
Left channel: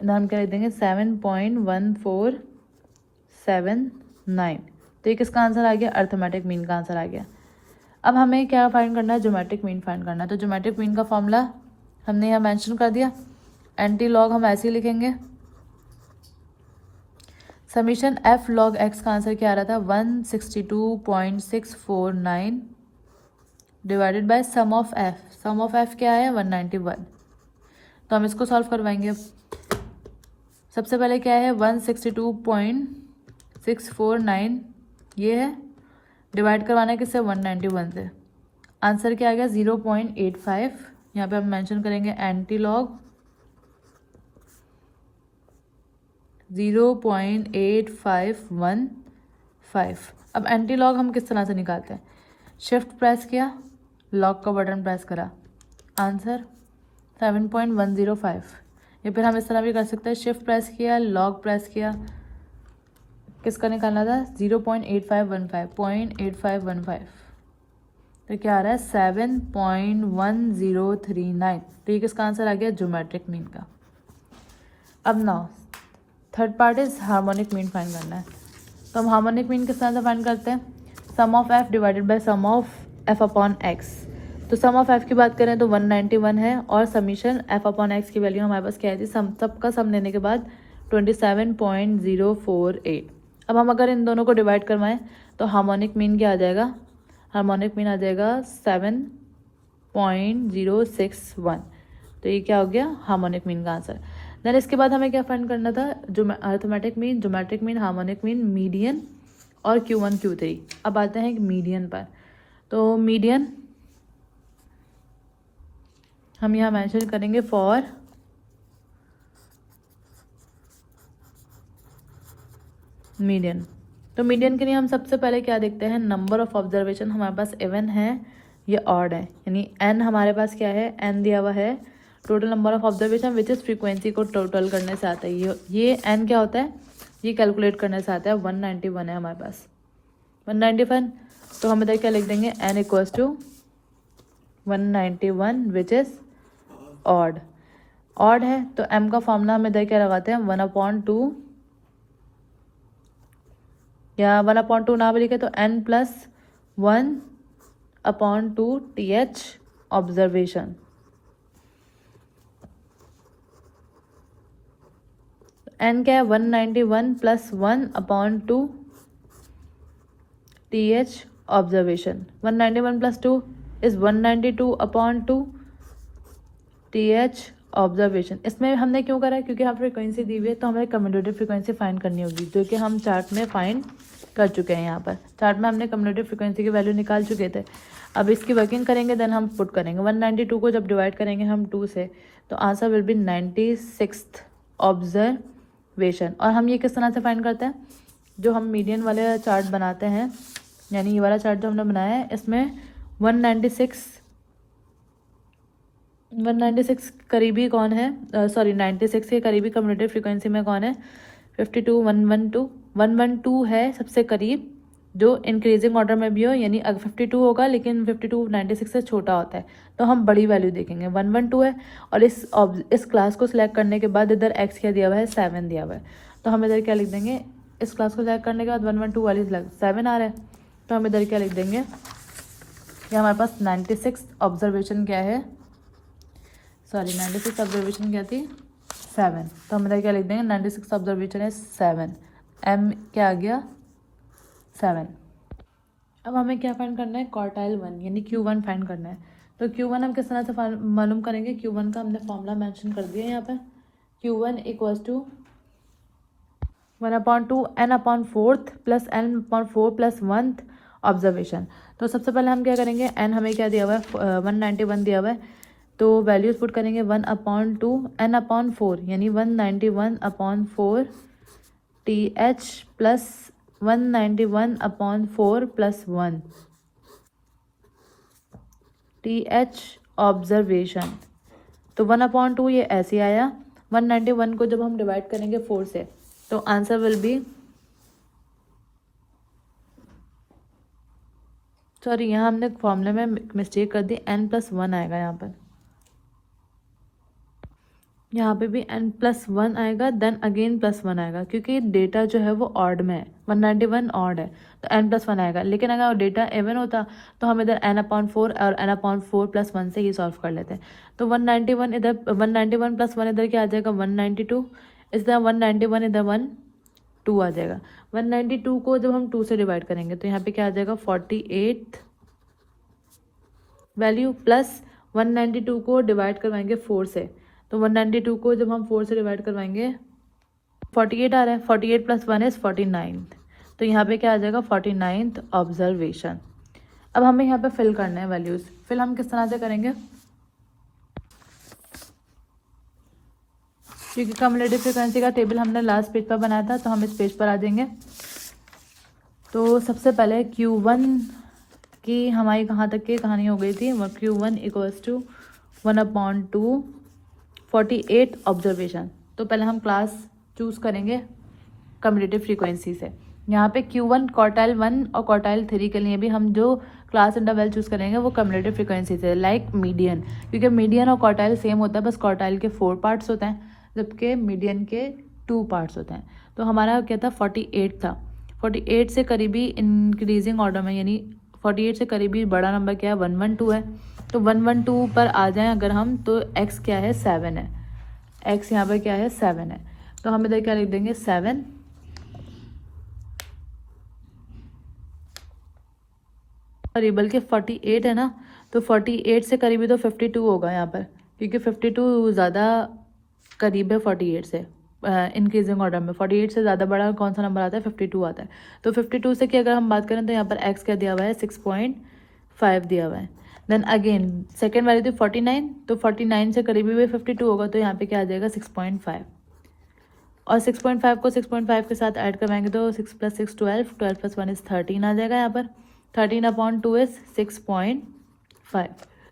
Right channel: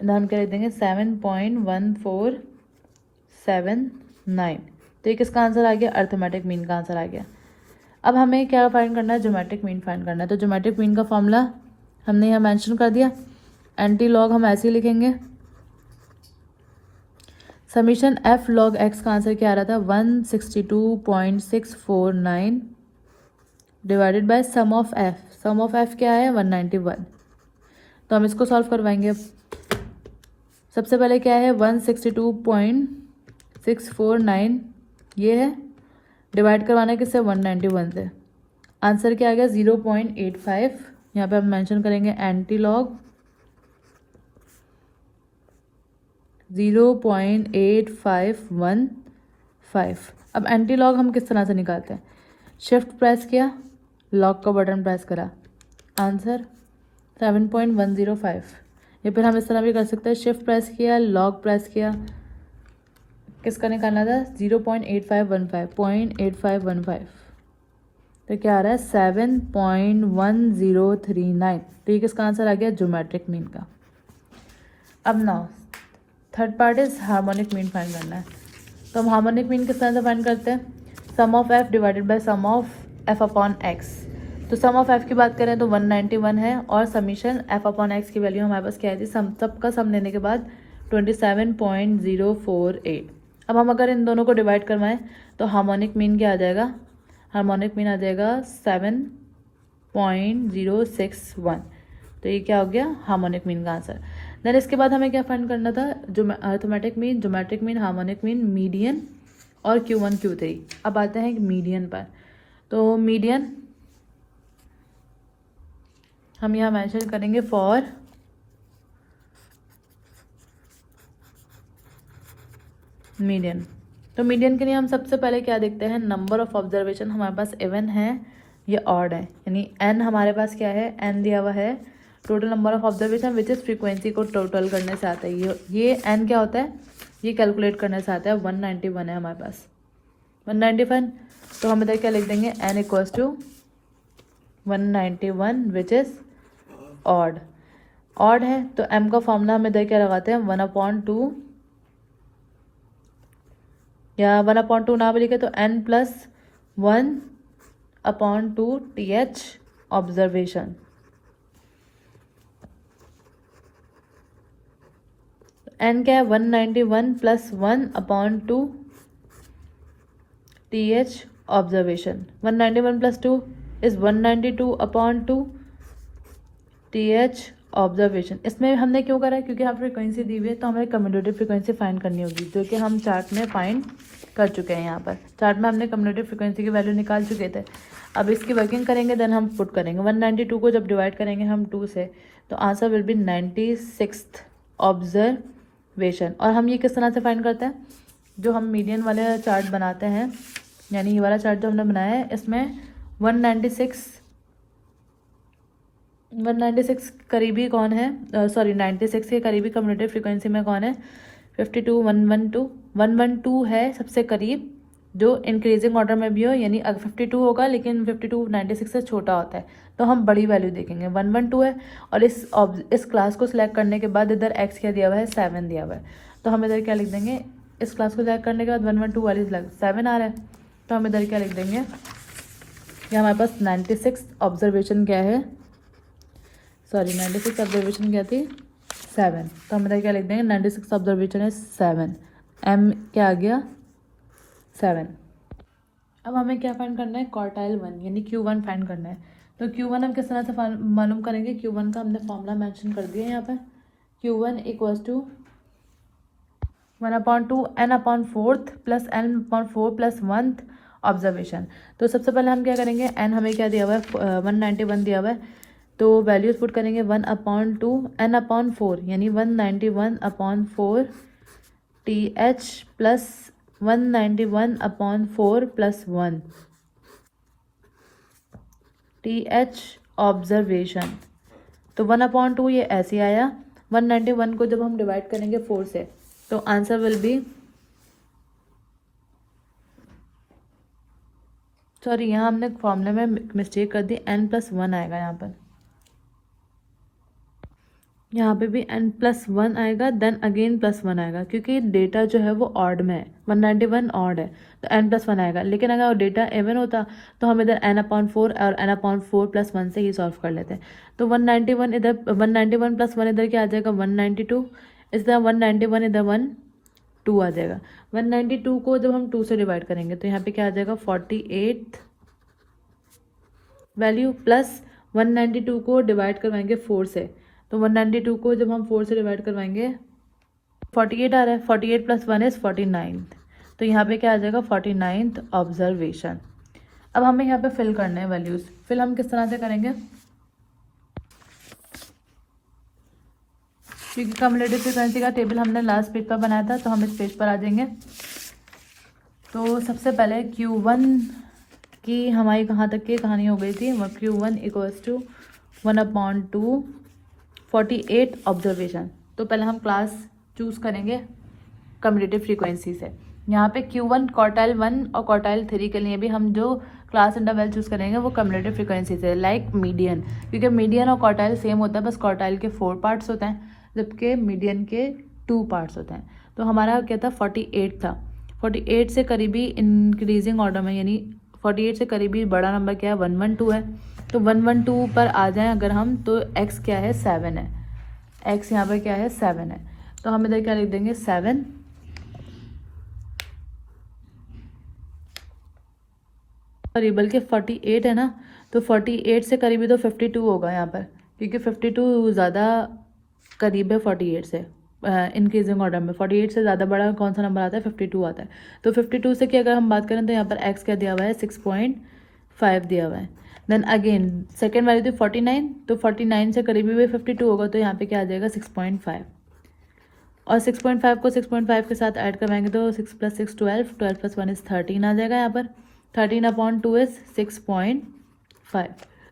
हम क्या लिख देंगे 7.1479। तो ये किसका आंसर आ गया अर्थमेटिक मीन का आंसर आ गया। अब हमें क्या फाइंड करना है ज्योमेट्रिक मीन फाइंड करना है। तो ज्योमेट्रिक मीन का फॉर्मूला हमने यहाँ मेंशन कर दिया, एंटी लॉग हम ऐसे ही लिखेंगे। समीशन एफ लॉग एक्स का आंसर क्या आ रहा था 162.649 divided by sum of F. Sum of F क्या है 191। तो हम इसको सॉल्व करवाएंगे। सबसे पहले क्या है 162.649 ये है, डिवाइड करवाना है किससे 191 से। आंसर क्या आ गया 0.85। यहाँ पे हम मेंशन करेंगे एंटी लॉग 0.8515। अब एंटी लॉग हम किस तरह से निकालते हैं, शिफ्ट प्रेस किया, लॉग का बटन प्रेस करा, आंसर 7.105। या फिर हम इस तरह भी कर सकते हैं, शिफ्ट प्रेस किया, लॉग प्रेस किया, किसका निकालना था 0.8515। तो क्या आ रहा है 7.1039। तो ये किसका आंसर आ गया ज्योमेट्रिक मीन का। अब now third part is harmonic mean find करना है। तो हम हार्मोनिक मीन किस तरह से फाइंड करते हैं, sum of f divided by sum of f upon x. तो सम ऑफ एफ की बात करें तो 191 है और समीशन एफ अपॉन एक्स की वैल्यू हमारे पास क्या आई थी, सबका सम लेने के बाद 27.048। अब हम अगर इन दोनों को डिवाइड करवाएं तो हार्मोनिक मीन क्या आ जाएगा, हार्मोनिक मीन आ जाएगा 7.061। तो ये क्या हो गया हार्मोनिक मीन का आंसर। देन इसके बाद हमें क्या फाइंड करना था, जो arithmetic mean, geometric mean, harmonic mean, median और Q1 Q3। अब आते हैं मीडियन पर। तो मीडियन हम यहाँ मेंशन करेंगे फॉर मीडियन। तो मीडियन के लिए हम सबसे पहले क्या देखते हैं, नंबर ऑफ ऑब्जर्वेशन हमारे पास इवन है या ऑड है, यानी n हमारे पास क्या है, n दिया हुआ है total number of observation which is frequency को टोटल करने से आता है। ये n क्या होता है, ये कैलकुलेट करने से आता है। 191 है हमारे पास 191। तो हम इधर क्या लिख देंगे, n equals to 191 which is odd. Odd है तो m का फॉर्मूला हम इधर क्या लगाते हैं, 1/2 या 1/2 ना भी लिखे तो n+1/2 TH ऑब्जर्वेशन। n क्या है, 191 + 1/2 TH observation. 191 + 2 is 192/2 TH observation. इसमें हमने क्यों करा है, क्योंकि यहाँ फ्रिक्वेंसी दी हुई है तो हमें कम्यूटेटिव फ्रिक्वेंसी फाइंड करनी होगी, जो कि हम चार्ट में फाइंड कर चुके हैं। यहाँ पर चार्ट में हमने कम्यूटेटिव फ्रिक्वेंसी की वैल्यू निकाल चुके थे। अब इसकी वर्किंग करेंगे, देन हम पुट करेंगे। 192 को जब डिवाइड करेंगे हम 2 से तो answer will B 96th observation. और हम ये किस तरह से फाइंड करते हैं, जो हम मीडियन वाले चार्ट बनाते हैं, यानी ये वाला चार्ट जो हमने बनाया है, इसमें 196 करीबी कौन है, 96 के करीबी कम्यूटेटिव फ्रिक्वेंसी में कौन है, 52, 112 है सबसे करीब, जो इंक्रीजिंग ऑर्डर में भी हो, यानी अगर 52 होगा लेकिन 52 96 से छोटा होता है तो हम बड़ी वैल्यू देखेंगे। 112 है और इस क्लास को सिलेक्ट करने के बाद इधर x क्या दिया हुआ है, 7 दिया हुआ है। तो हम इधर क्या लिख देंगे, इस क्लास को सिलेक्ट करने के बाद 112 वाली 7 आ रहा है, तो हम इधर क्या लिख देंगे, ये हमारे पास 96 ऑब्जर्वेशन क्या है, 96 ऑब्जर्वेशन क्या थी, 7। तो हम इधर क्या लिख देंगे, 96 ऑब्जर्वेशन है 7, m क्या आ गया 7। अब हमें क्या फाइंड करना है, क्वार्टाइल 1 यानी Q1 फाइंड करना है। तो Q1 हम किस तरह से मालूम करेंगे, Q1 का हमने फॉर्मूला मेंशन कर दिया है यहाँ पर। Q1 equals to 1/2 n/4 + n/4 + 1th observation. तो सबसे पहले हम क्या करेंगे, n हमें क्या दिया हुआ है, 191 दिया हुआ है, तो वैल्यूज पुट करेंगे 1/2 n/4 यानी 191/4 TH + 191/4 + 1 TH ऑब्जर्वेशन। तो 1/2 ये ऐसे आया, 191 को जब हम डिवाइड करेंगे 4 से तो आंसर विल बी, सॉरी यहाँ हमने फॉर्मूले में मिस्टेक कर दी, n+1 आएगा यहाँ पे भी n+1 आएगा, देन अगेन +1 आएगा, क्योंकि डेटा जो है वो ऑड में है, 191 ऑड है तो n+1 आएगा। लेकिन अगर डेटा इवन होता तो हम इधर n/4 और n/4 + 1 से ही सॉल्व कर लेते हैं। तो 191 इधर 191 + 1 इधर क्या आ जाएगा, 192, इधर 191 इधर 2 आ जाएगा। 192 को जब हम 2 से डिवाइड करेंगे तो यहाँ पे क्या आ जाएगा, 48 वैल्यू, प्लस 192 को डिवाइड करवाएंगे 4 से, तो 192 को जब हम 4 से डिवाइड करवाएंगे 48 आ रहा है, 48 + 1 इज 49, तो यहाँ पे क्या आ जाएगा 49th ऑब्जर्वेशन। अब हमें यहाँ पे फिल करना है वैल्यूज। फिल हम किस तरह से करेंगे, क्योंकि कम्यूटेटिव फ्रीक्वेंसी का टेबल हमने लास्ट पेज पर बनाया था तो हम इस पेज पर आ जाएंगे। तो सबसे पहले Q1 की हमारी कहाँ तक की कहानी हो गई थी, Q1 इक्वल्स टू 1/2 48 ऑब्जर्वेशन। तो पहले हम क्लास चूज करेंगे कम्यूटेटिव फ्रीक्वेंसी से। यहाँ पे Q1 क्वार्टाइल 1 और क्वार्टाइल 3 के लिए भी हम जो क्लास इंटरवल चूज करेंगे वो कम्यूटेटिव फ्रीक्वेंसी से, लाइक मीडियन, क्योंकि मीडियन और क्वार्टाइल सेम होता है, बस क्वार्टाइल के 4 पार्ट्स होते हैं जबकि मीडियन के 2 पार्ट्स होते हैं। तो हमारा क्या था, 48 था, 48 से करीबी इंक्रीजिंग ऑर्डर में, यानी 48 से करीबी बड़ा नंबर क्या है 112 है। तो 112 पर आ जाएं अगर हम, तो x क्या है 7 है, x यहाँ पर क्या है 7 है। तो हम इधर क्या लिख देंगे 7 करीबल के 48 है ना, तो 48 से करीबी तो 52 होगा यहाँ पर, क्योंकि 52 ज़्यादा करीब है 48 से इंक्रीजिंग ऑर्डर में। 48 से ज़्यादा बड़ा कौन सा नंबर आता है 52 आता है। तो 52 से की अगर हम बात करें तो यहाँ पर x क्या दिया हुआ है 6.5 दिया हुआ है। देन अगेन सेकेंड वैल्यू थी 49, तो 49 से करीबी भी 52 होगा, तो यहाँ पे क्या आ जाएगा 6.5, और 6.5 को 6.5 के साथ ऐड करवाएंगे तो 6 + 6 12, 12 + 1 = 13 आ जाएगा यहाँ पर। 13/2 इज 6.5,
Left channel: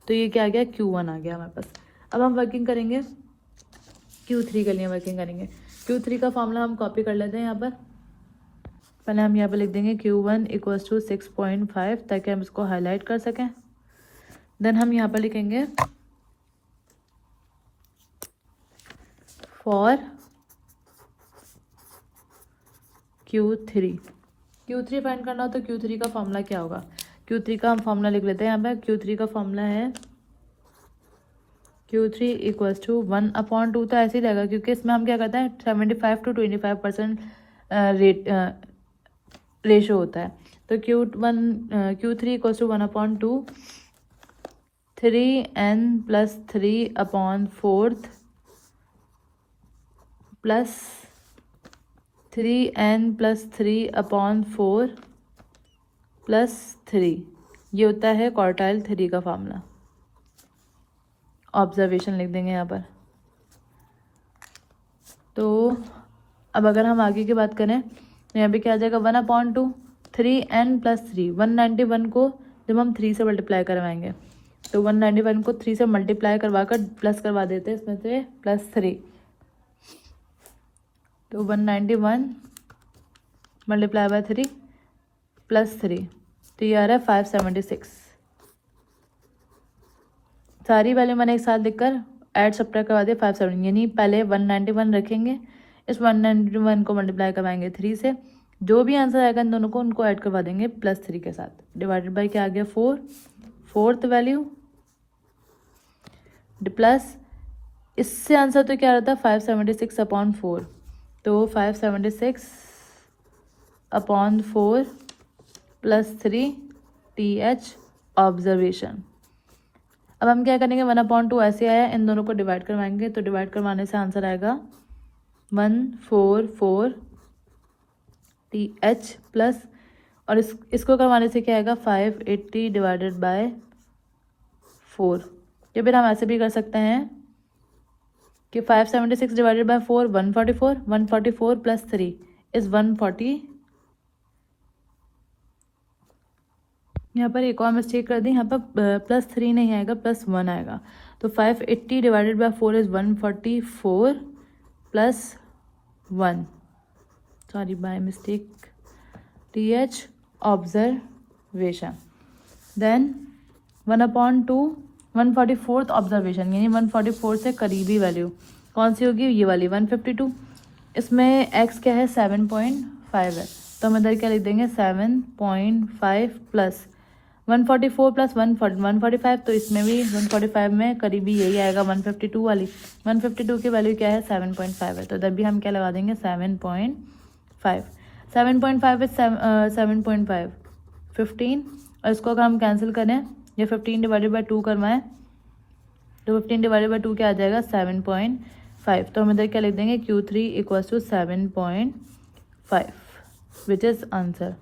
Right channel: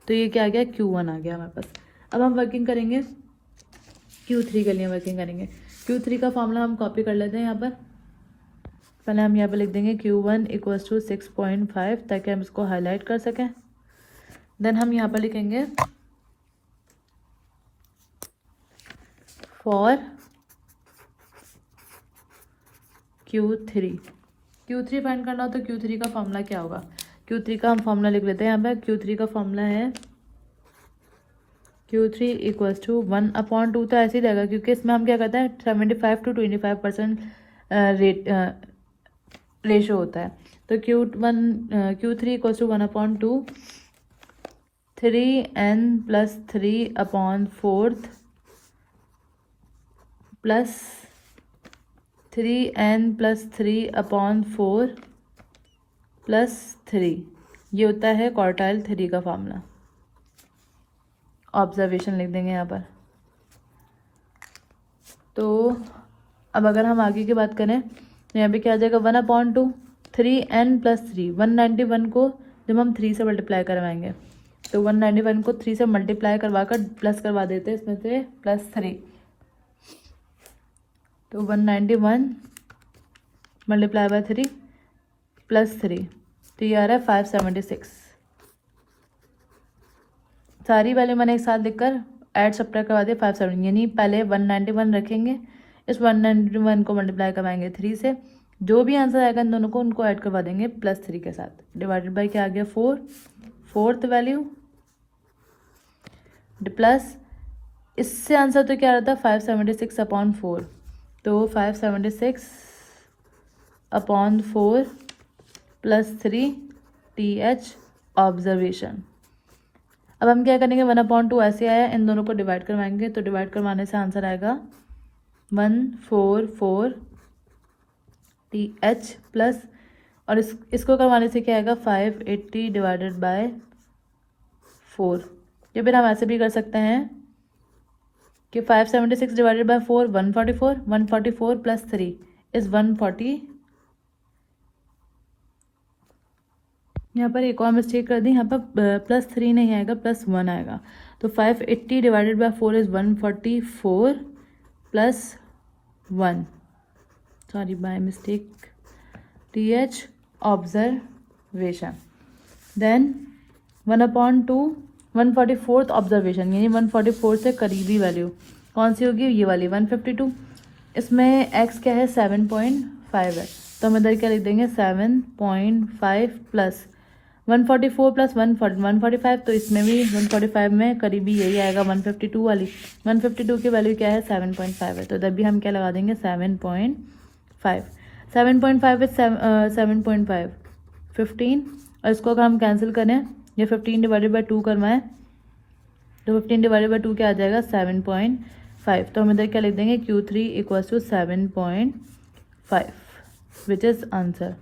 तो ये क्या आ गया Q1 आ गया हमारे पास। अब हम वर्किंग करेंगे Q3 के लिए वर्किंग करेंगे। Q3 का फॉर्मूला हम कॉपी कर लेते हैं यहाँ पर। पहले हम यहाँ पर लिख देंगे Q1 = 6.5 ताकि हम इसको हाईलाइट कर सकें। देन हम यहाँ पर लिखेंगे फॉर Q3 फाइंड करना हो तो Q3 का फॉर्मूला क्या होगा। Q3 का हम फॉर्मूला लिख लेते हैं यहाँ पर। Q3 का फॉर्मूला है Q3 = 1/2, तो ऐसे ही रहेगा क्योंकि इसमें हम क्या करते हैं 75 to 25% रेशो होता है। तो Q3 = 1/2, 3n + 3/4 plus 3n + 3/4 plus 3, ये होता है क्वार्टाइल 3 का फॉर्मूला। ऑब्जर्वेशन लिख देंगे यहाँ पर। तो अब अगर हम आगे की बात करें तो यहाँ पे क्या आ जाएगा 1/2, 3n + 3, 191 को जब हम 3 से मल्टीप्लाई करवाएंगे तो 191 को 3 से मल्टीप्लाई करवा कर प्लस करवा देते हैं इसमें से +3, तो 191 × 3 + 3, तो ये आ रहा है 576। सारी वैल्यू मैंने एक साथ लिखकर ऐड सब्ट्रैक्ट करवा दिया 570, यानी पहले 191 रखेंगे, इस 191 को मल्टीप्लाई करवाएंगे 3 से, जो भी आंसर आएगा इन दोनों को उनको ऐड करवा देंगे +3 के साथ, डिवाइडेड बाय क्या आ गया 4, फोर्थ वैल्यू प्लस इससे आंसर तो क्या रहता है 576/4, तो 576/4 + 3 TH ऑब्जर्वेशन। अब हम क्या करेंगे 1/2 ऐसे आया, इन दोनों को डिवाइड करवाएंगे, तो डिवाइड करवाने से आंसर आएगा 144 TH प्लस, और इसको करवाने से क्या आएगा 580/4। या फिर हम ऐसे भी कर सकते हैं कि 576/4 144, 144 + 3 इज 140। यहाँ पर एक और मिस्टेक कर दी, यहाँ पर +3 नहीं आएगा +1 आएगा, तो 580/4 is 144 + 1, sorry by mistake TH observation. Then 1/2 144th observation, यानी 144 से करीबी वैल्यू कौन सी होगी, ये वाली 152। इसमें x क्या है 7.5 है, तो हम इधर क्या लिख देंगे 7.5 प्लस 144 + 145, तो इसमें भी 145 में करीबी यही आएगा 152 वाली। 152 की वैल्यू क्या है 7.5 है, तो इधर भी हम क्या लगा देंगे 7.5। 7.5 है 7.5 15, और इसको अगर हम कैंसिल करें या 15/2 करवाएं तो 15/2 क्या आ जाएगा 7.5, तो हम इधर क्या लिख देंगे Q3 = 7.5 विच इज़ आंसर।